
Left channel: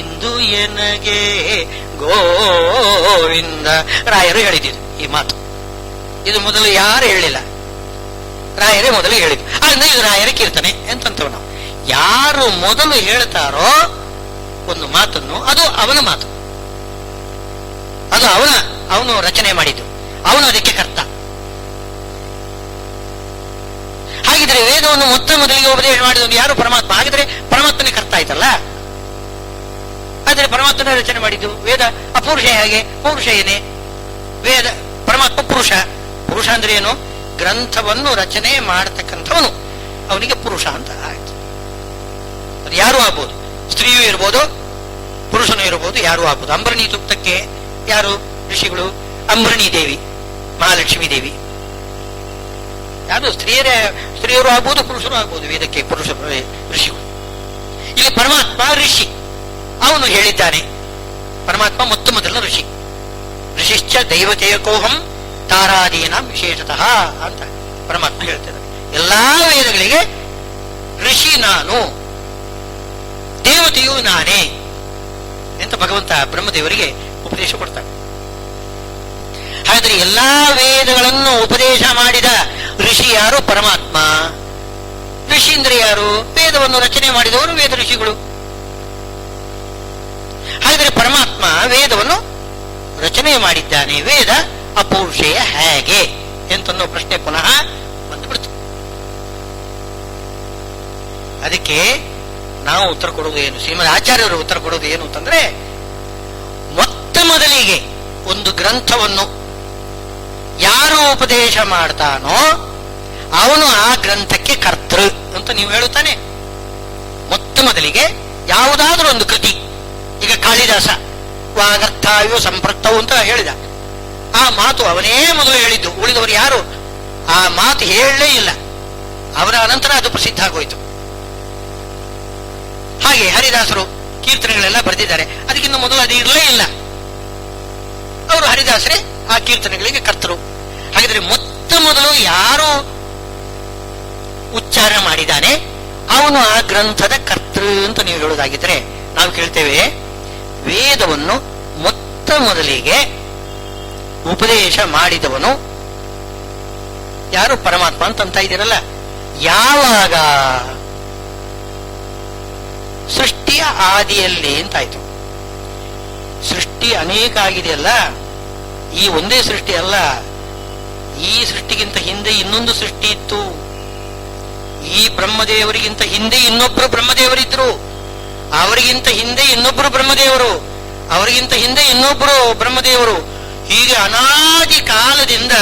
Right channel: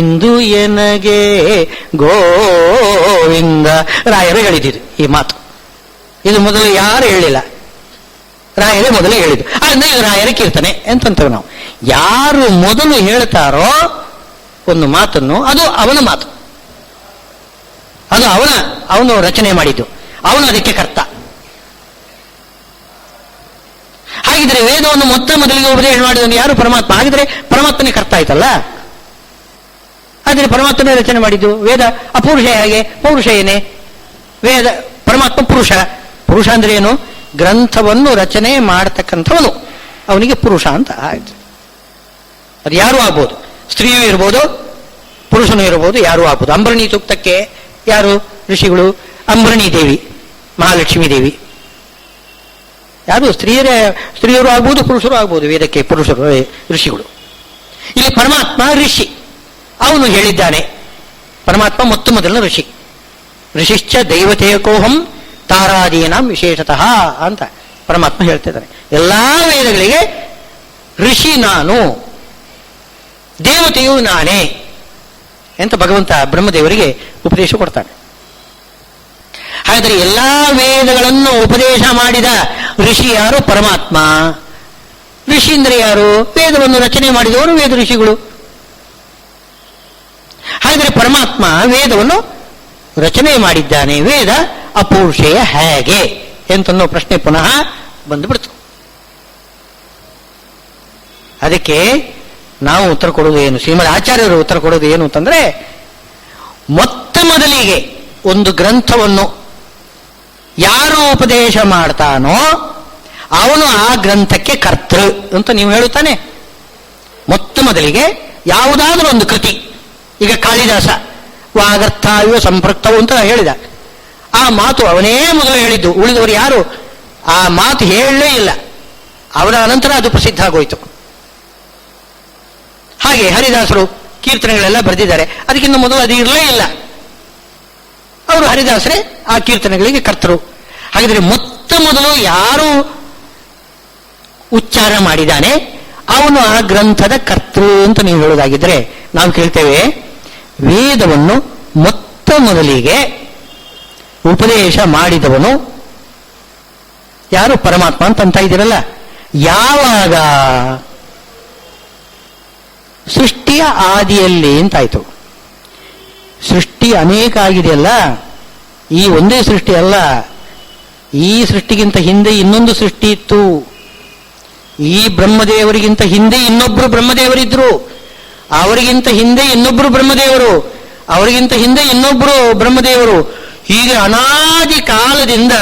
ಇಂದು ಎನಗೆ ಗೋವಿಂದ ರಾಯರು ಹೇಳಿದ್ರು ಈ ಮಾತು. ಇದು ಮೊದಲು ಯಾರು ಹೇಳಿಲ್ಲ, ರಾಯರೇ ಮೊದಲೇ ಹೇಳಿದ್ದು. ಆದ್ರಿಂದ ಇದು ರಾಯರ ಕೀರ್ತನೆ ಅಂತಂತೇವೆ ನಾವು. ಯಾರು ಮೊದಲು ಹೇಳ್ತಾರೋ ಒಂದು ಮಾತನ್ನು, ಅದು ಅವನ ಮಾತು, ಅದು ಅವನು ರಚನೆ ಮಾಡಿದ್ದು, ಅವನು ಅದಕ್ಕೆ ಕರ್ತ. ಹಾಗಿದ್ರೆ ವೇದವನ್ನು ಮೊದಲಿಗೆ ಉಪದೇಶ ಮಾಡಿದವನು ಯಾರು? ಪರಮಾತ್ಮ. ಹಾಗಿದ್ರೆ ಪರಮಾತ್ಮನೇ ಕರ್ತ ಆಯ್ತಲ್ಲ. ಆದರೆ ಪರಮಾತ್ಮನೇ ರಚನೆ ಮಾಡಿದ್ದು ವೇದ. ಅಪೌರುಷ ಹೇಗೆ? ಪೌರುಷ ಏನೇ ವೇದ. ಪರಮಾತ್ಮ ಪುರುಷ ಅಂದ್ರೆ ಏನು? ಗ್ರಂಥವನ್ನು ರಚನೆ ಮಾಡತಕ್ಕಂಥವನು, ಅವನಿಗೆ ಪುರುಷ ಅಂತ ಆಯ್ತು. ಅದು ಯಾರು ಆಗ್ಬೋದು, ಸ್ತ್ರೀಯೂ ಇರ್ಬೋದು, ಪುರುಷನೂ ಇರಬಹುದು, ಯಾರು ಆಗ್ಬೋದು. ಅಂಬರಣಿ ಸೂಕ್ತಕ್ಕೆ ಯಾರು ಋಷಿಗಳು? ಅಂಬರಣಿ ದೇವಿ, ಮಹಾಲಕ್ಷ್ಮೀ ದೇವಿ. ಯಾರು? ಸ್ತ್ರೀಯರು ಆಗ್ಬೋದು, ಪುರುಷರು ಆಗ್ಬೋದು. ವೇದಕ್ಕೆ ಪುರುಷರು ಋಷಿಗಳು. ಇಲ್ಲಿ ಪರಮಾತ್ಮ ಋಷಿ, ಅವನು ಹೇಳಿದ್ದಾನೆ. ಪರಮಾತ್ಮ ಮೊದಲ ಋಷಿ. ಋಷಿಶ್ಚ ದೈವತೇಕೋಹಂ ತಾರಾದೀನಾಂ ವಿಶೇಷತಃ ಅಂತ ಪರಮಾತ್ಮ ಹೇಳ್ತಿದ್ದಾರೆ. ಎಲ್ಲಾ ವೇದಗಳಿಗೆ ಋಷಿ ನಾನು, ದೇವತೆಯು ನಾನೇ ಅಂತ ಭಗವಂತ ಬ್ರಹ್ಮದೇವರಿಗೆ ಉಪದೇಶ ಕೊಡ್ತಾನೆ. ಹಾಗಾದರೆ ಎಲ್ಲಾ ವೇದಗಳನ್ನು ಉಪದೇಶ ಮಾಡಿದ ಋಷಿ ಯಾರು? ಪರಮಾತ್ಮ. ಋಷಿ ಅಂದ್ರೆ ಯಾರು? ವೇದವನ್ನು ರಚನೆ ಮಾಡಿದವರು ವೇದ ಋಷಿಗಳು. ಹಾಗಾದರೆ ಪರಮಾತ್ಮ ವೇದವನ್ನು ರಚನೆ ಮಾಡಿದ್ದಾನೆ. ವೇದ ಅಪೌರುಷೇಯ ಹೇಗೆ ಎಂತನ್ನೋ ಪ್ರಶ್ನೆ ಪುನಃ ಬಂದುಬಿಡ್ತು. ಅದಕ್ಕೆ ನಾವು ಉತ್ತರ ಕೊಡೋದು ಏನು? ಶ್ರೀಮದ್ ಆಚಾರ್ಯರು ಉತ್ತರ ಕೊಡೋದು ಏನು ಅಂತಂದ್ರೆ, ಮೊದಲಿಗೆ ಒಂದು ಗ್ರಂಥವನ್ನು ಯಾರು ಉಪದೇಶ ಮಾಡ್ತಾನೋ ಅವನು ಆ ಗ್ರಂಥಕ್ಕೆ ಕರ್ತೃ ಅಂತ ನೀವು ಹೇಳುತ್ತಾನೆ. ಮೊದಲಿಗೆ ಯಾವುದಾದ್ರೂ ಒಂದು ಕೃತಿ, ಈಗ ಕಾಳಿದಾಸ ವಾಗರ್ಥಾಯು ಸಂಪೃಕ್ತವು ಅಂತ ಹೇಳಿದ, ಆ ಮಾತು ಅವನೇ ಮೊದಲು ಹೇಳಿದ್ದು. ಉಳಿದವರು ಯಾರು ಆ ಮಾತು ಹೇಳಲೇ ಇಲ್ಲ. ಅವರ ಅನಂತರ ಅದು ಪ್ರಸಿದ್ಧ ಆಗೋಯ್ತು. ಹಾಗೆ ಹರಿದಾಸರು ಕೀರ್ತನೆಗಳೆಲ್ಲ ಬರೆದಿದ್ದಾರೆ, ಅದಕ್ಕಿಂತ ಮೊದಲು ಅದು ಇರಲೇ ಇಲ್ಲ. ಅವರು ಹರಿದಾಸರೇ ಆ ಕೀರ್ತನೆಗಳಿಗೆ ಕರ್ತರು. ಹಾಗಿದ್ರೆ ಮೊದಲು ಯಾರು ಉಚ್ಚಾರ ಮಾಡಿದ್ದಾನೆ ಅವನು ಆ ಗ್ರಂಥದ ಕರ್ತೃ ಅಂತ ನೀವು ಹೇಳೋದಾಗಿದ್ರೆ ನಾವು ಕೇಳ್ತೇವೆ, ವೇದವನ್ನು ಮೊದಲಿಗೆ ಉಪದೇಶ ಮಾಡಿದವನು ಯಾರು? ಪರಮಾತ್ಮ ಅಂತ ಇದ್ದೀರಲ್ಲ. ಯಾವಾಗ? ಸೃಷ್ಟಿಯ ಆದಿಯಲ್ಲಿ ಅಂತಾಯ್ತು. ಸೃಷ್ಟಿ ಅನೇಕ ಆಗಿದೆಯಲ್ಲ, ಈ ಒಂದೇ ಸೃಷ್ಟಿ ಅಲ್ಲ. ಈ ಸೃಷ್ಟಿಗಿಂತ ಹಿಂದೆ ಇನ್ನೊಂದು ಸೃಷ್ಟಿ ಇತ್ತು. ಈ ಬ್ರಹ್ಮದೇವರಿಗಿಂತ ಹಿಂದೆ ಇನ್ನೊಬ್ರು ಬ್ರಹ್ಮದೇವರಿದ್ರು, ಅವರಿಗಿಂತ ಹಿಂದೆ ಇನ್ನೊಬ್ರು ಬ್ರಹ್ಮದೇವರು, ಅವರಿಗಿಂತ ಹಿಂದೆ ಇನ್ನೊಬ್ರು ಬ್ರಹ್ಮದೇವರು. ಹೀಗೆ ಅನಾದಿ ಕಾಲದಿಂದ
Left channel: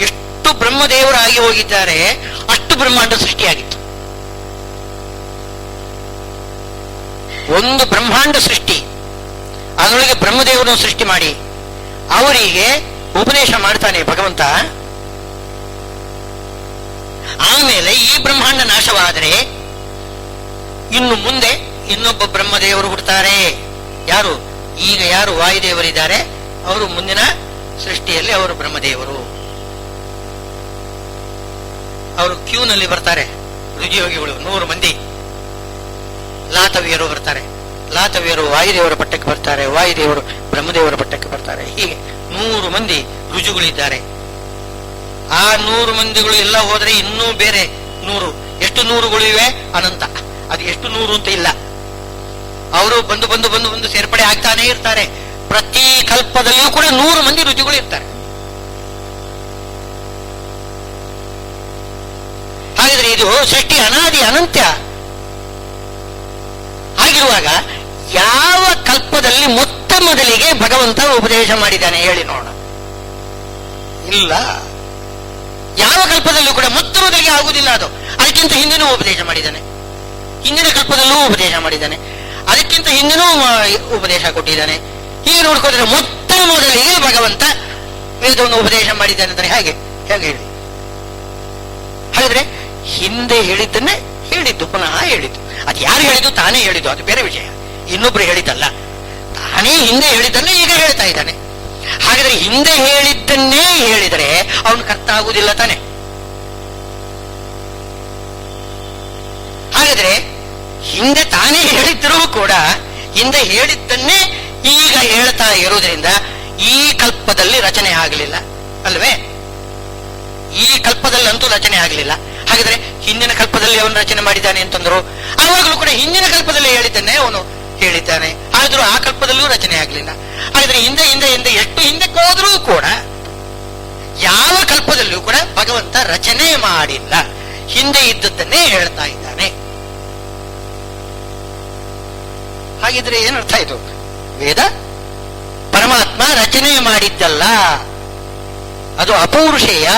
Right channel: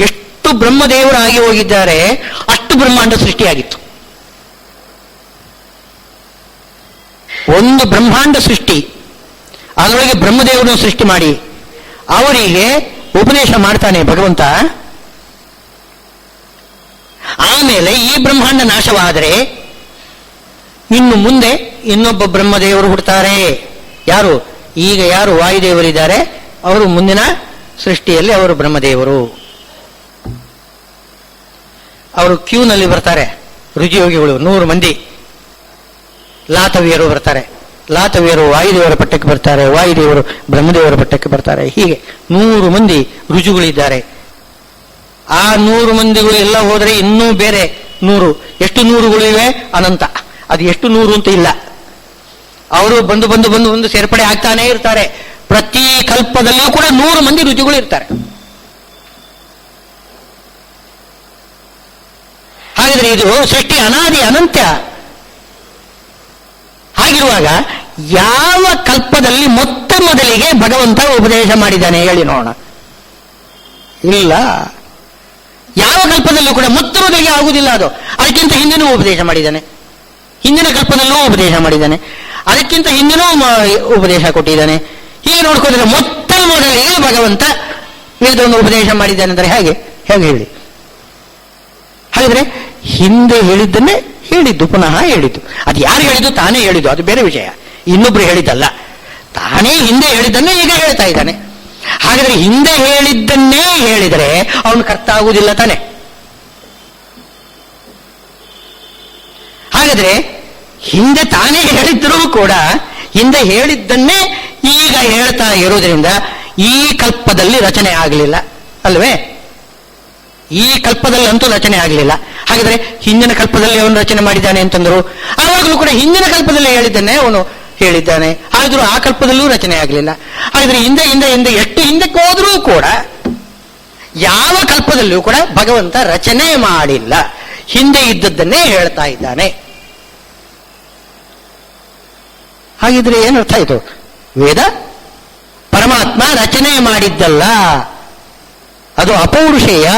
ಎಷ್ಟು ಬ್ರಹ್ಮದೇವರಾಗಿ ಹೋಗಿದ್ದಾರೆ, ಅಷ್ಟು ಬ್ರಹ್ಮಾಂಡ ಸೃಷ್ಟಿಯಾಗಿತ್ತು. ಒಂದು ಬ್ರಹ್ಮಾಂಡ ಸೃಷ್ಟಿ, ಅದರೊಳಗೆ ಬ್ರಹ್ಮದೇವರನ್ನು ಸೃಷ್ಟಿ ಮಾಡಿ ಅವರಿಗೆ ಉಪದೇಶ ಮಾಡ್ತಾನೆ ಭಗವಂತ. ಆಮೇಲೆ ಈ ಬ್ರಹ್ಮಾಂಡ ನಾಶವಾದರೆ ಇನ್ನು ಮುಂದೆ ಇನ್ನೊಬ್ಬ ಬ್ರಹ್ಮದೇವರು ಹುಡ್ತಾರೆ. ಯಾರು ವಾಯುದೇವರಿದ್ದಾರೆ ಅವರು ಮುಂದಿನ ಸೃಷ್ಟಿಯಲ್ಲಿ ಅವರು ಬ್ರಹ್ಮದೇವರು. ಅವರು ಕ್ಯೂನಲ್ಲಿ ಬರ್ತಾರೆ, ರುಜಿಯೋಗಿಗಳು 100 ಮಂದಿ. ಲಾತವ್ಯರು ಬರ್ತಾರೆ, ಲಾತವ್ಯರು ವಾಯುದೇವರ ಪಟ್ಟಕ್ಕೆ ಬರ್ತಾರೆ, ವಾಯುದೇವರು ಬ್ರಹ್ಮದೇವರ ಪಟ್ಟಕ್ಕೆ ಬರ್ತಾರೆ. ಹೀಗೆ 100 ಮಂದಿ ರುಜುಗಳಿದ್ದಾರೆ. ಆ 100 ಮಂದಿಗಳು ಎಲ್ಲ ಹೋದರೆ ಇನ್ನೂ ಬೇರೆ 100. ಎಷ್ಟು 100ಗಳು ಇವೆ? ಅನಂತ. ಅದು ಎಷ್ಟು 100 ಅಂತ ಇಲ್ಲ. ಅವರು ಬಂದು ಸೇರ್ಪಡೆ ಆಗ್ತಾನೆ ಇರ್ತಾರೆ. ಪ್ರತಿ ಕಲ್ಪದಲ್ಲಿಯೂ ಕೂಡ 100 ಮಂದಿ ರುಜುಗಳು ಇರ್ತಾರೆ. ಹಾಗಿದ್ರೆ ಇದು ಸೃಷ್ಟಿ ಅನಾದಿ ಅನಂತ್ಯ. ಹಾಗಿರುವಾಗ ಯಾವ ಕಲ್ಪದಲ್ಲಿ ಮೊತ್ತ ಮೊದಲಿಗೆ ಭಗವಂತ ಉಪದೇಶ ಮಾಡಿದ್ದಾನೆ ಹೇಳಿ ನೋಡೋಣ? ಇಲ್ಲ. ಯಾವ ಕಲ್ಪದಲ್ಲೂ ಕೂಡ ಮೊತ್ತ ಮೊದಲಿಗೆ ಆಗುವುದಿಲ್ಲ ಅದು. ಅದಕ್ಕಿಂತ ಹಿಂದಿನೂ ಉಪದೇಶ ಮಾಡಿದ್ದಾನೆ, ಹಿಂದಿನ ಕಲ್ಪದಲ್ಲೂ ಉಪದೇಶ ಮಾಡಿದ್ದಾನೆ, ಅದಕ್ಕಿಂತ ಹಿಂದಿನೂ ಉಪದೇಶ ಕೊಟ್ಟಿದ್ದಾನೆ. ಹೀಗೆ ನೋಡ್ಕೋದ್ರೆ ಮೊತ್ತ ಮೊದಲಿಗೆ ಭಗವಂತ ವೇದವನ್ನು ಉಪದೇಶ ಮಾಡಿದ್ದಾನೆ ಅಂದರೆ ಹೇಗೆ ಹೇಳಿ? ಹಾಗಾದ್ರೆ ಹಿಂದೆ ಹೇಳಿದ್ದನ್ನೇ ಹೇಳಿದ್ದು, ಪುನಃ ಹೇಳಿದ್ದು. ಅದು ಯಾರು ಹೇಳಿದ್ದು? ತಾನೇ ಹೇಳಿದ್ದು, ಅದು ಬೇರೆ ವಿಷಯ. ಇನ್ನೊಬ್ರು ಹೇಳಿದ್ದಲ್ಲ, ತಾನೇ ಹಿಂದೆ ಹೇಳಿದ್ದನ್ನೇ ಈಗ ಹೇಳ್ತಾ ಇದ್ದಾನೆ. ಹಾಗಾದ್ರೆ ಹಿಂದೆ ಹೇಳಿದ್ದನ್ನೇ ಹೇಳಿದರೆ ಅವನು ಕರ್ತ ಆಗುವುದಿಲ್ಲ ತಾನೆ. ಹಾಗಾದ್ರೆ ಹಿಂದೆ ತಾನೇ ಹೇಳಿದ್ರೂ ಕೂಡ ಹಿಂದೆ ಹೇಳಿದ್ದನ್ನೇ ಈಗ ಹೇಳ್ತಾ ಇರುವುದರಿಂದ ಈ ಕಲ್ಪದಲ್ಲಿ ರಚನೆ ಆಗಲಿಲ್ಲ ಅಲ್ವೇ? ಈ ಕಲ್ಪದಲ್ಲಂತೂ ರಚನೆ ಆಗಲಿಲ್ಲ. ಹಾಗಾದ್ರೆ ಹಿಂದಿನ ಕಲ್ಪದಲ್ಲಿ ಅವನು ರಚನೆ ಮಾಡಿದ್ದಾನೆ ಅಂತಂದ್ರು, ಆವಾಗಲೂ ಕೂಡ ಹಿಂದಿನ ಕಲ್ಪದಲ್ಲಿ ಹೇಳಿದ್ದನ್ನೇ ಅವನು ಹೇಳಿದ್ದಾನೆ. ಆದರೂ ಆ ಕಲ್ಪದಲ್ಲೂ ರಚನೆ ಆಗಲಿಲ್ಲ. ಹಾಗಾದ್ರೆ ಹಿಂದೆ ಎಷ್ಟು ಹಿಂದಕ್ಕೆ ಹೋದರೂ ಕೂಡ ಯಾವ ಕಲ್ಪದಲ್ಲೂ ಕೂಡ ಭಗವಂತ ರಚನೆ ಮಾಡಿಲ್ಲ, ಹಿಂದೆ ಇದ್ದದ್ದನ್ನೇ ಹೇಳ್ತಾ ಇದ್ದಾನೆ. ಹಾಗಿದ್ರೆ ಏನರ್ಥ ಆಯಿತು? ವೇದ ಪರಮಾತ್ಮ ರಚನೆ ಮಾಡಿದ್ದಲ್ಲ, ಅದು ಅಪೌರುಷೇಯ.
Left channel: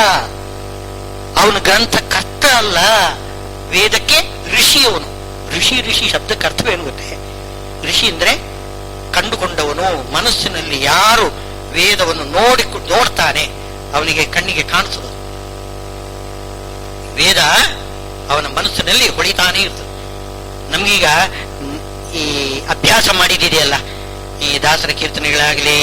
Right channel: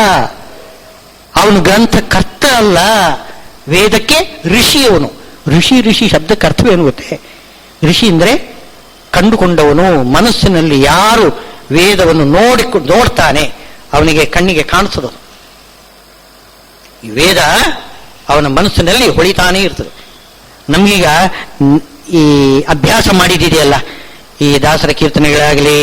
ಅವನು ಗ್ರಂಥಕರ್ತ ಅಲ್ಲ, ವೇದಕ್ಕೆ ಋಷಿಯವನು. ಋಷಿ ಶಬ್ದಕ್ಕೆ ಅರ್ಥವೇನು ಗೊತ್ತೇ? ಋಷಿ ಅಂದ್ರೆ ಕಂಡುಕೊಂಡವನು. ಮನಸ್ಸಿನಲ್ಲಿ ಯಾರು ವೇದವನ್ನು ನೋಡ್ತಾನೆ ಅವನಿಗೆ ಕಣ್ಣಿಗೆ ಕಾಣಿಸೋದು. ವೇದ ಅವನ ಮನಸ್ಸಿನಲ್ಲಿ ಹೊಳಿತಾನೇ ಇರ್ತದೆ. ನಮಗೀಗ ಈ ಅಭ್ಯಾಸ ಮಾಡಿದೆಯಲ್ಲ, ಈ ದಾಸರ ಕೀರ್ತನೆಗಳಾಗಲಿ,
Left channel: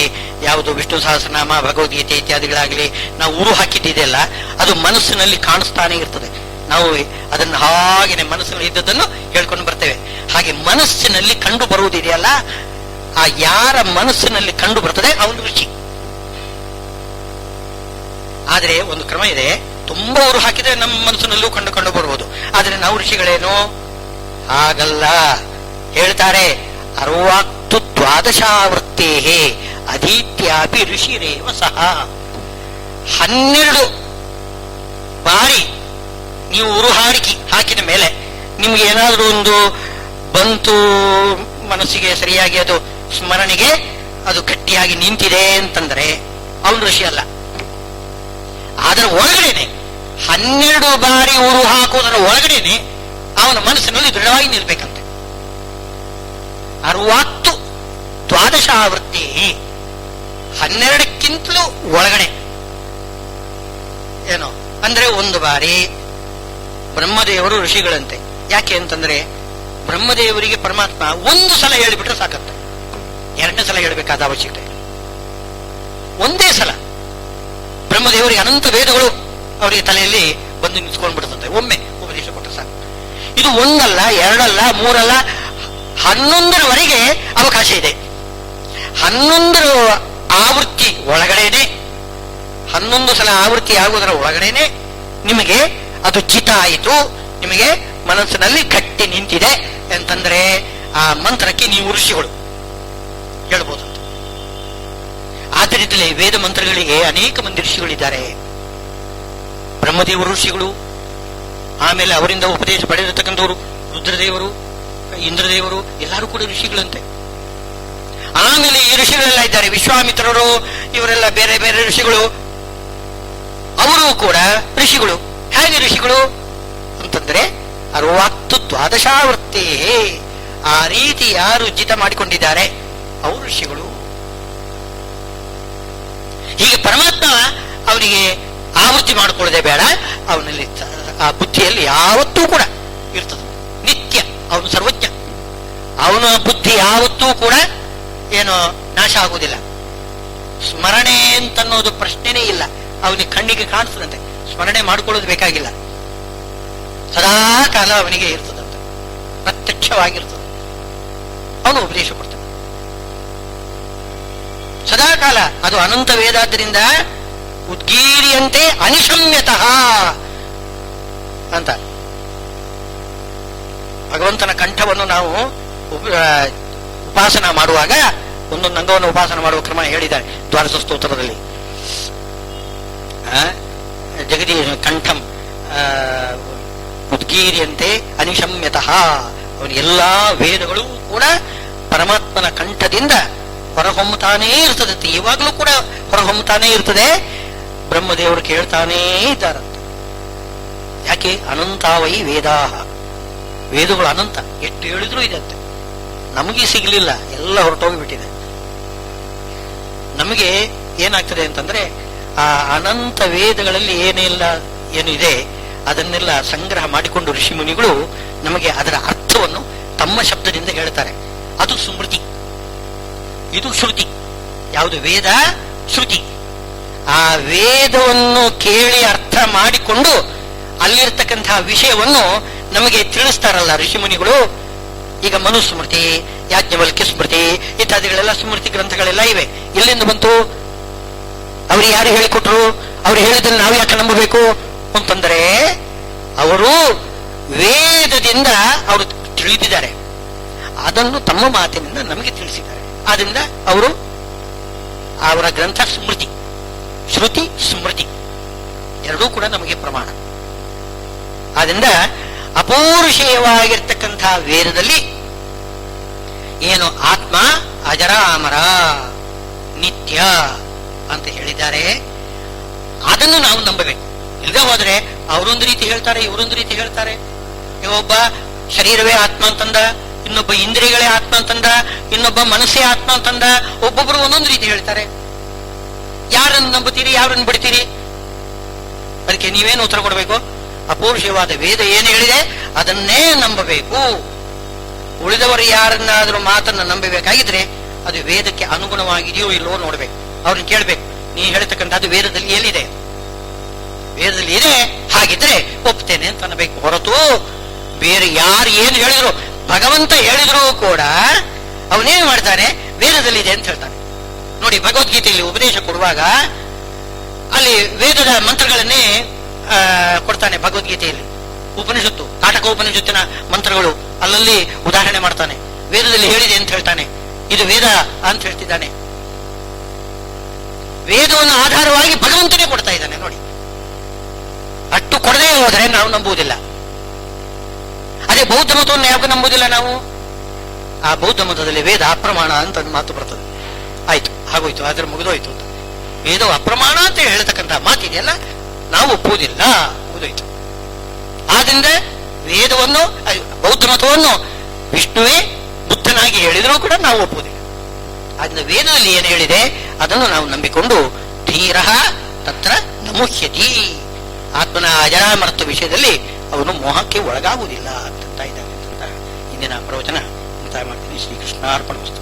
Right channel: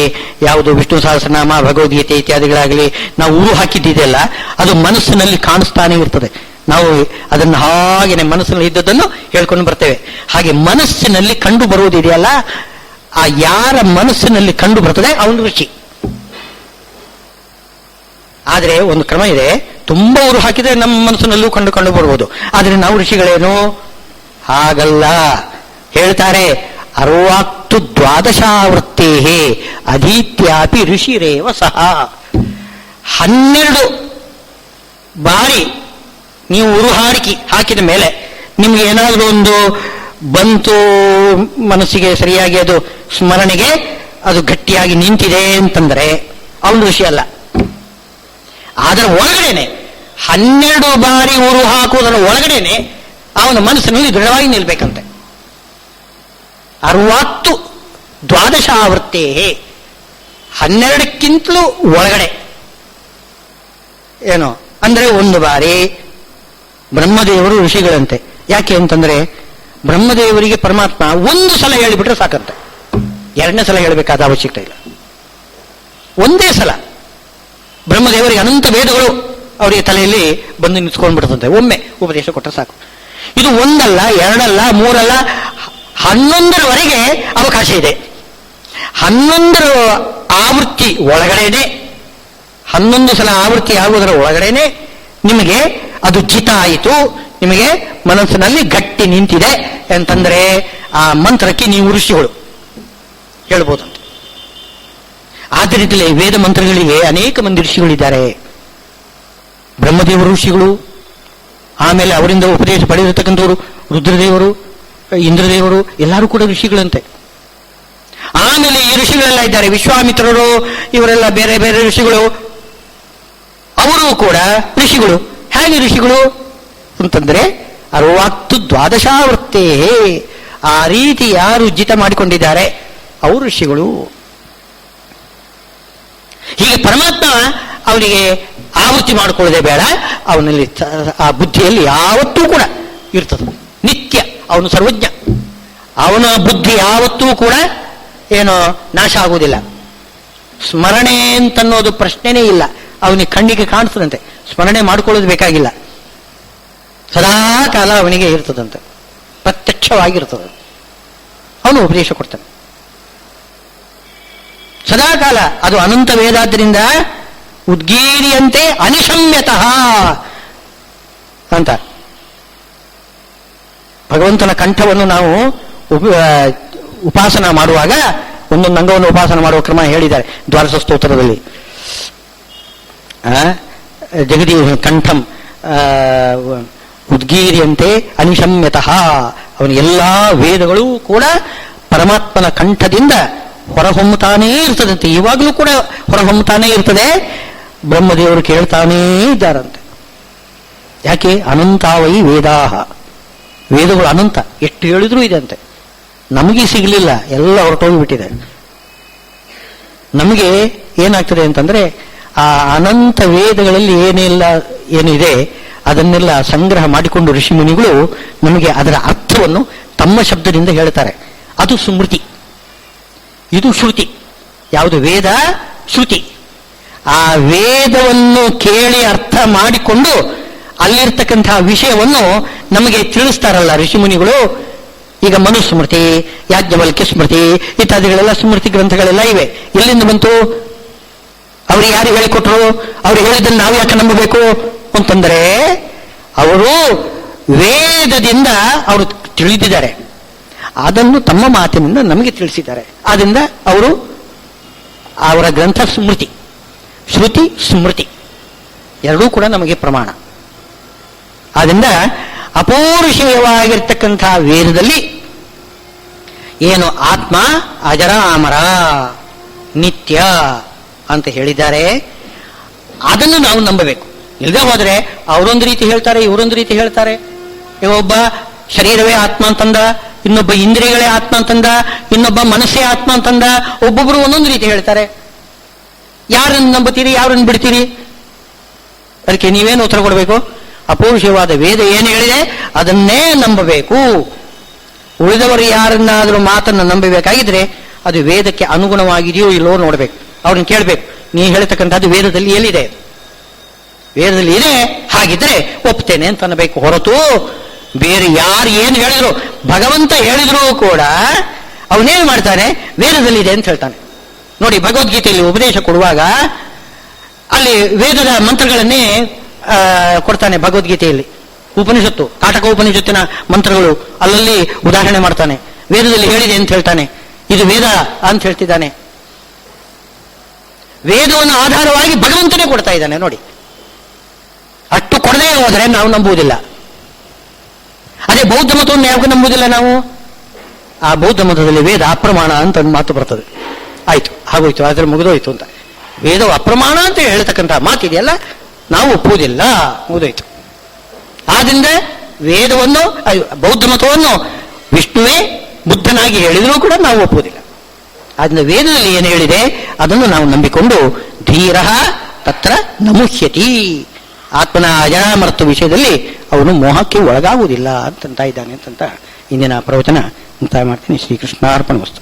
ಯಾವುದು ವಿಷ್ಣು ಸಹಸ್ರನಾಮ, ಭಗವದ್ಗೀತೆ ಇತ್ಯಾದಿಗಳಾಗಲಿ ನಾವು ಊರು ಹಾಕಿದ್ದಿದೆಯಲ್ಲ, ಅದು ಮನಸ್ಸಿನಲ್ಲಿ ಕಾಣಿಸ್ತಾನೆ ಇರ್ತದೆ. ನಾವು ಅದನ್ನು ಹಾಗೆನೆ ಮನಸ್ಸಿನಲ್ಲಿ ಇದ್ದದನ್ನು ಹೇಳ್ಕೊಂಡು ಬರ್ತೇವೆ. ಹಾಗೆ ಮನಸ್ಸಿನಲ್ಲಿ ಕಂಡು ಬರುವುದಿದೆಯಲ್ಲ, ಆ ಯಾರ ಮನಸ್ಸಿನಲ್ಲಿ ಕಂಡು ಬರ್ತದೆ ಅವನು ಋಷಿ. ಆದರೆ ಒಂದು ಕ್ರಮ ಇದೆ, ತುಂಬಾ ಊರು ಹಾಕಿದ್ರೆ ನಮ್ಮ ಮನಸ್ಸಿನಲ್ಲೂ ಕಂಡು ಬರುವುದು. ಆದರೆ ನಾವು ಋಷಿಗಳೇನು? ಹಾಗಲ್ಲ. ಹೇಳ್ತಾರೆ, 60 ದ್ವಾದಶಾವೃತ್ತೇ ಅಧೀತ್ಯಾಪಿ ಋಷಿರೇವ ಸಹ. 12 ಬಾರಿ ನೀವು ಉರು ಹಾಕಿದ ಮೇಲೆ ನಿಮ್ಗೆ ಏನಾದರೂ ಒಂದು ಬಂತು ಮನಸ್ಸಿಗೆ, ಸರಿಯಾಗಿ ಅದು ಸ್ಮರಣೆಗೆ ಅದು ಗಟ್ಟಿಯಾಗಿ ನಿಂತಿದೆ ಅಂತಂದ್ರೆ ಅವನು ಋಷಿ ಅಲ್ಲ. ಅದರ ಒಳಗಡೆನೆ 12 ಬಾರಿ ಉರು ಹಾಕುವುದರ ಒಳಗಡೆನೆ ಅವನ ಮನಸ್ಸಿನಲ್ಲಿ ದೃಢವಾಗಿ ನಿಲ್ಬೇಕಂತೆ. 60 ದ್ವಾದಶಾವೃತ್ತೇ, 12ಕ್ಕಿಂತಲೂ ಒಳಗಡೆ. ಏನು ಅಂದ್ರೆ ಒಂದು ಬಾರಿ ಬ್ರಹ್ಮದೇವರು ಋಷಿಗಳಂತೆ. ಯಾಕೆ ಅಂತಂದ್ರೆ ಬ್ರಹ್ಮದೇವರಿಗೆ ಪರಮಾತ್ಮ ಒಂದು ಸಲ ಹೇಳಿಬಿಟ್ರೆ ಸಾಕಂತೆ, 2ನೇ ಸಲ ಹೇಳಬೇಕಾದ ಅವಶ್ಯಕತೆ ಇಲ್ಲ. ಒಂದೇ ಸಲ ಬ್ರಹ್ಮದೇವರಿಗೆ ಅನಂತ ವೇದಗಳು ಅವರಿಗೆ ತಲೆಯಲ್ಲಿ ಬಂದು ನಿಂತ್ಕೊಂಡ್ಬಿಡ್ತಂತೆ. ಒಮ್ಮೆ ಉಪದೇಶ ಕೊಟ್ಟರೆ ಸಾಕು. ಇದು ಒಂದಲ್ಲ, 2 ಅಲ್ಲ, 3 ಅಲ್ಲ, 11ರವರೆಗೆ ಅವಕಾಶ ಇದೆ. 11 ಆವೃತ್ತಿ ಒಳಗಡೆನೆ, 11 ಸಲ ಆವೃತ್ತಿ ಆಗುವುದರ ಒಳಗಡೆನೆ ನಿಮಗೆ ಅದು ಜಿತ ಆಯಿತು, ನಿಮಗೆ ಮನಸ್ಸಿನಲ್ಲಿ ಗಟ್ಟಿ ನಿಂತಿದೆ ಅಂತಂದ್ರೆ ಆ ಮಂತ್ರಕ್ಕೆ ನೀವು ಋಷಿಗಳು ಹೇಳ್ಬೋದಂತ. ಆದ್ದರಿಂದಲೇ ವೇದ ಮಂತ್ರಗಳಿಗೆ ಅನೇಕ ಮಂದಿ ಋಷಿಗಳಿದ್ದಾರೆ. ಬ್ರಹ್ಮದೇವರು ಋಷಿಗಳು, ಆಮೇಲೆ ಅವರಿಂದ ಉಪದೇಶ ಪಡೆದಿರತಕ್ಕಂಥವರು ರುದ್ರದೇವರು, ಇಂದ್ರದೇವರು, ಎಲ್ಲರೂ ಕೂಡ ಋಷಿಗಳಂತೆ. ಆಮೇಲೆ ಈ ಋಷಿಗಳೆಲ್ಲ ಇದ್ದಾರೆ, ವಿಶ್ವಾಮಿತ್ರರು, ಇವರೆಲ್ಲ ಬೇರೆ ಬೇರೆ ಋಷಿಗಳು, ಅವರು ಕೂಡ ಋಷಿಗಳು. ಹೇಗೆ ಋಷಿಗಳು ಅಂತಂದ್ರೆ 60 ದ್ವಾದಶಾವೃತ್ತೇ ಆ ರೀತಿ ಯಾರು ಜಿತ ಮಾಡಿಕೊಂಡಿದ್ದಾರೆ ಅವರು ಋಷಿಗಳು. ಹೀಗೆ ಪರಮಾತ್ಮ ಅವನಿಗೆ ಆವೃತ್ತಿ ಮಾಡಿಕೊಳ್ಳದೆ ಬೇಡ, ಅವನಲ್ಲಿ ಆ ಬುದ್ಧಿಯಲ್ಲಿ ಯಾವತ್ತೂ ಕೂಡ ಇರ್ತದೆ ನಿತ್ಯ. ಅವನು ಸರ್ವಜ್ಞ, ಅವನ ಬುದ್ಧಿ ಯಾವತ್ತೂ ಕೂಡ ಏನೋ ನಾಶ ಆಗುವುದಿಲ್ಲ. ಸ್ಮರಣೆ ಅಂತನ್ನೋದು ಪ್ರಶ್ನೆನೇ ಇಲ್ಲ, ಅವನಿಗೆ ಕಣ್ಣಿಗೆ ಕಾಣಿಸ್ತದಂತೆ, ಸ್ಮರಣೆ ಮಾಡಿಕೊಳ್ಳೋದು ಬೇಕಾಗಿಲ್ಲ, ಸದಾ ಕಾಲ ಅವನಿಗೆ ಇರ್ತದಂತೆ, ಪ್ರತ್ಯಕ್ಷವಾಗಿರ್ತದೆ. ಅವನು ಉಪದೇಶ ಕೊಡ್ತಾನೆ ಸದಾ ಕಾಲ. ಅದು ಅನಂತ ವೇದಾದ್ದರಿಂದ ಉದ್ಗೀರಿಯಂತೆ ಅನಿಶಮ್ಯತಃ ಅಂತ. ಭಗವಂತನ ಕಂಠವನ್ನು ನಾವು ಉಪಾಸನ ಮಾಡುವಾಗ ಒಂದೊಂದು ಅಂಗವನ್ನು ಉಪಾಸನ ಮಾಡುವ ಕ್ರಮ ಹೇಳಿದ್ದಾರೆ ದ್ವಾದಶ ಸ್ತೋತ್ರದಲ್ಲಿ. ಜಗದಿ ಕಂಠಂ ಉದ್ಗೀರಿಯಂತೆ ಅನಿಶಮ್ಯತಃ. ಅವನ ಎಲ್ಲಾ ವೇದಗಳು ಕೂಡ ಪರಮಾತ್ಮನ ಕಂಠದಿಂದ ಹೊರಹೊಮ್ಮತಾನೇ ಇರ್ತದಂತೆ, ಇವಾಗಲೂ ಕೂಡ ಹೊರಹೊಮ್ಮತಾನೇ ಇರ್ತದೆ. ಬ್ರಹ್ಮದೇವರು ಕೇಳ್ತಾನೇ ಇದ್ದಾರಂತೆ. ಯಾಕೆ? ಅನಂತಾವೈ ವೇದಾಹ, ವೇದಗಳು ಅನಂತ, ಎಷ್ಟು ಹೇಳಿದ್ರೂ ಇದೆ ಅಂತೆ. ನಮಗೆ ಸಿಗಲಿಲ್ಲ, ಎಲ್ಲ ಹೊರಟೋಗಿಬಿಟ್ಟಿದೆ. ನಮಗೆ ಏನಾಗ್ತದೆ ಅಂತಂದ್ರೆ ಆ ಅನಂತ ವೇದಗಳಲ್ಲಿ ಏನು ಇದೆ ಅದನ್ನೆಲ್ಲ ಸಂಗ್ರಹ ಮಾಡಿಕೊಂಡು ಋಷಿ ಮುನಿಗಳು ನಮಗೆ ಅದರ ಅರ್ಥವನ್ನು ತಮ್ಮ ಶಬ್ದದಿಂದ ಹೇಳ್ತಾರೆ. ಅದು ಸ್ಮೃತಿ, ಇದು ಶ್ರುತಿ. ಯಾವುದು? ವೇದ, ಶ್ರುತಿ. ಆ ವೇದವನ್ನು ಕೇಳಿ ಅರ್ಥ ಮಾಡಿಕೊಂಡು ಅಲ್ಲಿರ್ತಕ್ಕಂತಹ ವಿಷಯವನ್ನು ನಮಗೆ ತಿಳಿಸ್ತಾರಲ್ಲ ಋಷಿಮುನಿಗಳು. ಈಗ ಮನುಸ್ಮೃತಿ, ಯಾಜ್ಞವಲ್ಕ್ಯ ಸ್ಮೃತಿ ಇತ್ಯಾದಿಗಳೆಲ್ಲ ಸ್ಮೃತಿ ಗ್ರಂಥಗಳೆಲ್ಲ ಇವೆ. ಎಲ್ಲಿಂದ ಬಂತು? ಅವರು ಯಾರು ಹೇಳಿಕೊಟ್ರು? ಅವರು ಹೇಳಿದ್ದನ್ನು ನಾವು ಯಾಕೆ ನಂಬಬೇಕು ಅಂತಂದರೆ ಅವರು ವೇದದಿಂದ ಅವರು ತಿಳಿದಿದ್ದಾರೆ, ಅದನ್ನು ತಮ್ಮ ಮಾತಿನಿಂದ ನಮಗೆ ತಿಳಿಸಿದ್ದಾರೆ. ಆದ್ದರಿಂದ ಅವರು ಅವರ ಗ್ರಂಥ ಸ್ಮೃತಿ, ಶ್ರುತಿ ಸ್ಮೃತಿ ಎರಡೂ ಕೂಡ ನಮಗೆ ಪ್ರಮಾಣ. ಆದ್ದರಿಂದ ಅಪೌರುಷೇಯವಾಗಿರ್ತಕ್ಕಂಥ ವೇದದಲ್ಲಿ ಏನು ಆತ್ಮ ಅಜರಾಮರ ನಿತ್ಯ ಅಂತ ಹೇಳಿದ್ದಾರೆ, ಅದನ್ನು ನಾವು ನಂಬಬೇಕು. ಇಲ್ಲದೆ ಹೋದರೆ ಅವರೊಂದು ರೀತಿ ಹೇಳ್ತಾರೆ, ಇವರೊಂದು ರೀತಿ ಹೇಳ್ತಾರೆ. ಈಗ ಒಬ್ಬ ಶರೀರವೇ ಆತ್ಮ ಅಂತಂದ, ಇನ್ನೊಬ್ಬ ಇಂದ್ರಿಯಗಳೇ ಆತ್ಮ ಅಂತಂದ, ಇನ್ನೊಬ್ಬ ಮನಸ್ಸೇ ಆತ್ಮ ಅಂತಂದ. ಒಬ್ಬೊಬ್ಬರು ಒಂದೊಂದು ರೀತಿ ಹೇಳ್ತಾರೆ. ಯಾರನ್ನು ನಂಬುತ್ತೀರಿ, ಯಾರನ್ನು ಬಿಡ್ತೀರಿ? ಅದಕ್ಕೆ ನೀವೇನು ಉತ್ತರ ಕೊಡಬೇಕು? ಅಪೌರುಷವಾದ ವೇದ ಏನು ಹೇಳಿದೆ ಅದನ್ನೇ ನಂಬಬೇಕು. ಉಳಿದವರು ಯಾರನ್ನಾದರೂ ಮಾತನ್ನು ನಂಬಬೇಕಾಗಿದ್ರೆ ಅದು ವೇದಕ್ಕೆ ಅನುಗುಣವಾಗಿದೆಯೋ ಇಲ್ಲವೋ ನೋಡಬೇಕು. ಅವ್ರನ್ನ ಕೇಳಬೇಕು, ನೀ ಹೇಳ್ತಕ್ಕಂಥದ್ದು ವೇದದಲ್ಲಿ ಎಲ್ಲಿದೆ? ವೇದದಲ್ಲಿ ಇದೆ, ಹಾಗಿದ್ರೆ ಒಪ್ತೇನೆ ಅಂತ ಅನ್ನಬೇಕು. ಹೊರತು ಬೇರೆ ಯಾರು ಏನು ಹೇಳಿದ್ರು, ಭಗವಂತ ಹೇಳಿದ್ರೂ ಕೂಡ ಅವನೇನು ಮಾಡ್ತಾನೆ? ವೇದದಲ್ಲಿದೆ ಅಂತ ಹೇಳ್ತಾನೆ. ನೋಡಿ, ಭಗವದ್ಗೀತೆಯಲ್ಲಿ ಉಪದೇಶ ಕೊಡುವಾಗ ಅಲ್ಲಿ ವೇದದ ಮಂತ್ರಗಳನ್ನೇ ಕೊಡ್ತಾನೆ. ಭಗವದ್ಗೀತೆಯಲ್ಲಿ ಉಪನಿಷತ್ತು, ಕಾಟಕ ಉಪನಿಷತ್ತಿನ ಮಂತ್ರಗಳು ಅಲ್ಲಲ್ಲಿ ಉದಾಹರಣೆ ಮಾಡ್ತಾನೆ. ವೇದದಲ್ಲಿ ಹೇಳಿದೆ ಅಂತ ಹೇಳ್ತಾನೆ, ಇದು ವೇದ ಅಂತ ಹೇಳ್ತಿದ್ದಾನೆ. ವೇದವನ್ನು ಆಧಾರವಾಗಿ ಭಗವಂತನೇ ಕೊಡ್ತಾ ಇದ್ದಾನೆ. ನೋಡಿ, ಅಷ್ಟು ಕೊಡದೇ ಹೋದರೆ ನಾವು ನಂಬುವುದಿಲ್ಲ. ಅದೇ ಬೌದ್ಧ ಮತವನ್ನು ಯಾವಾಗ ನಂಬುವುದಿಲ್ಲ ನಾವು? ಆ ಬೌದ್ಧ ಮತದಲ್ಲಿ ವೇದ ಅಪ್ರಮಾಣ ಅಂತ ಒಂದು ಮಾತು ಬರ್ತದೆ. ಆಯ್ತು, ಆಗೋಯ್ತು, ಆದ್ರೆ ಮುಗಿದೋಯ್ತು ಅಂತ. ವೇದವು ಅಪ್ರಮಾಣ ಅಂತ ಹೇಳ್ತಕ್ಕಂಥ ಮಾತಿದೆಯಲ್ಲ, ನಾವು ಒಪ್ಪುವುದಿಲ್ಲ, ಮುಗಿದೋಯ್ತು. ಆದ್ರಿಂದ ವೇದವನ್ನು, ಬೌದ್ಧ ಮತವನ್ನು ವಿಷ್ಣುವೇ ಬುದ್ಧನಾಗಿ ಹೇಳಿದರೂ ಕೂಡ ನಾವು ಒಪ್ಪುವುದಿಲ್ಲ. ಆದ್ರಿಂದ ವೇದದಲ್ಲಿ ಏನು ಹೇಳಿದೆ ಅದನ್ನು ನಾವು ನಂಬಿಕೊಂಡು ಧೀರ ತತ್ರ ನಮುಹ್ಯತಿ, ಆತ್ಮನ ಅಜರಾಮರತ್ವ ವಿಷಯದಲ್ಲಿ ಅವನು ಮೋಹಕ್ಕೆ ಒಳಗಾಗುವುದಿಲ್ಲ ಅಂತಂತ ಇದ್ದಾನೆ ಅಂತ ಇಂದಿನ ಪ್ರವಚನ ಅಂತ ಮಾಡ್ತೀನಿ. ಶ್ರೀಕೃಷ್ಣಾರ್ಪಣಮಸ್ತು.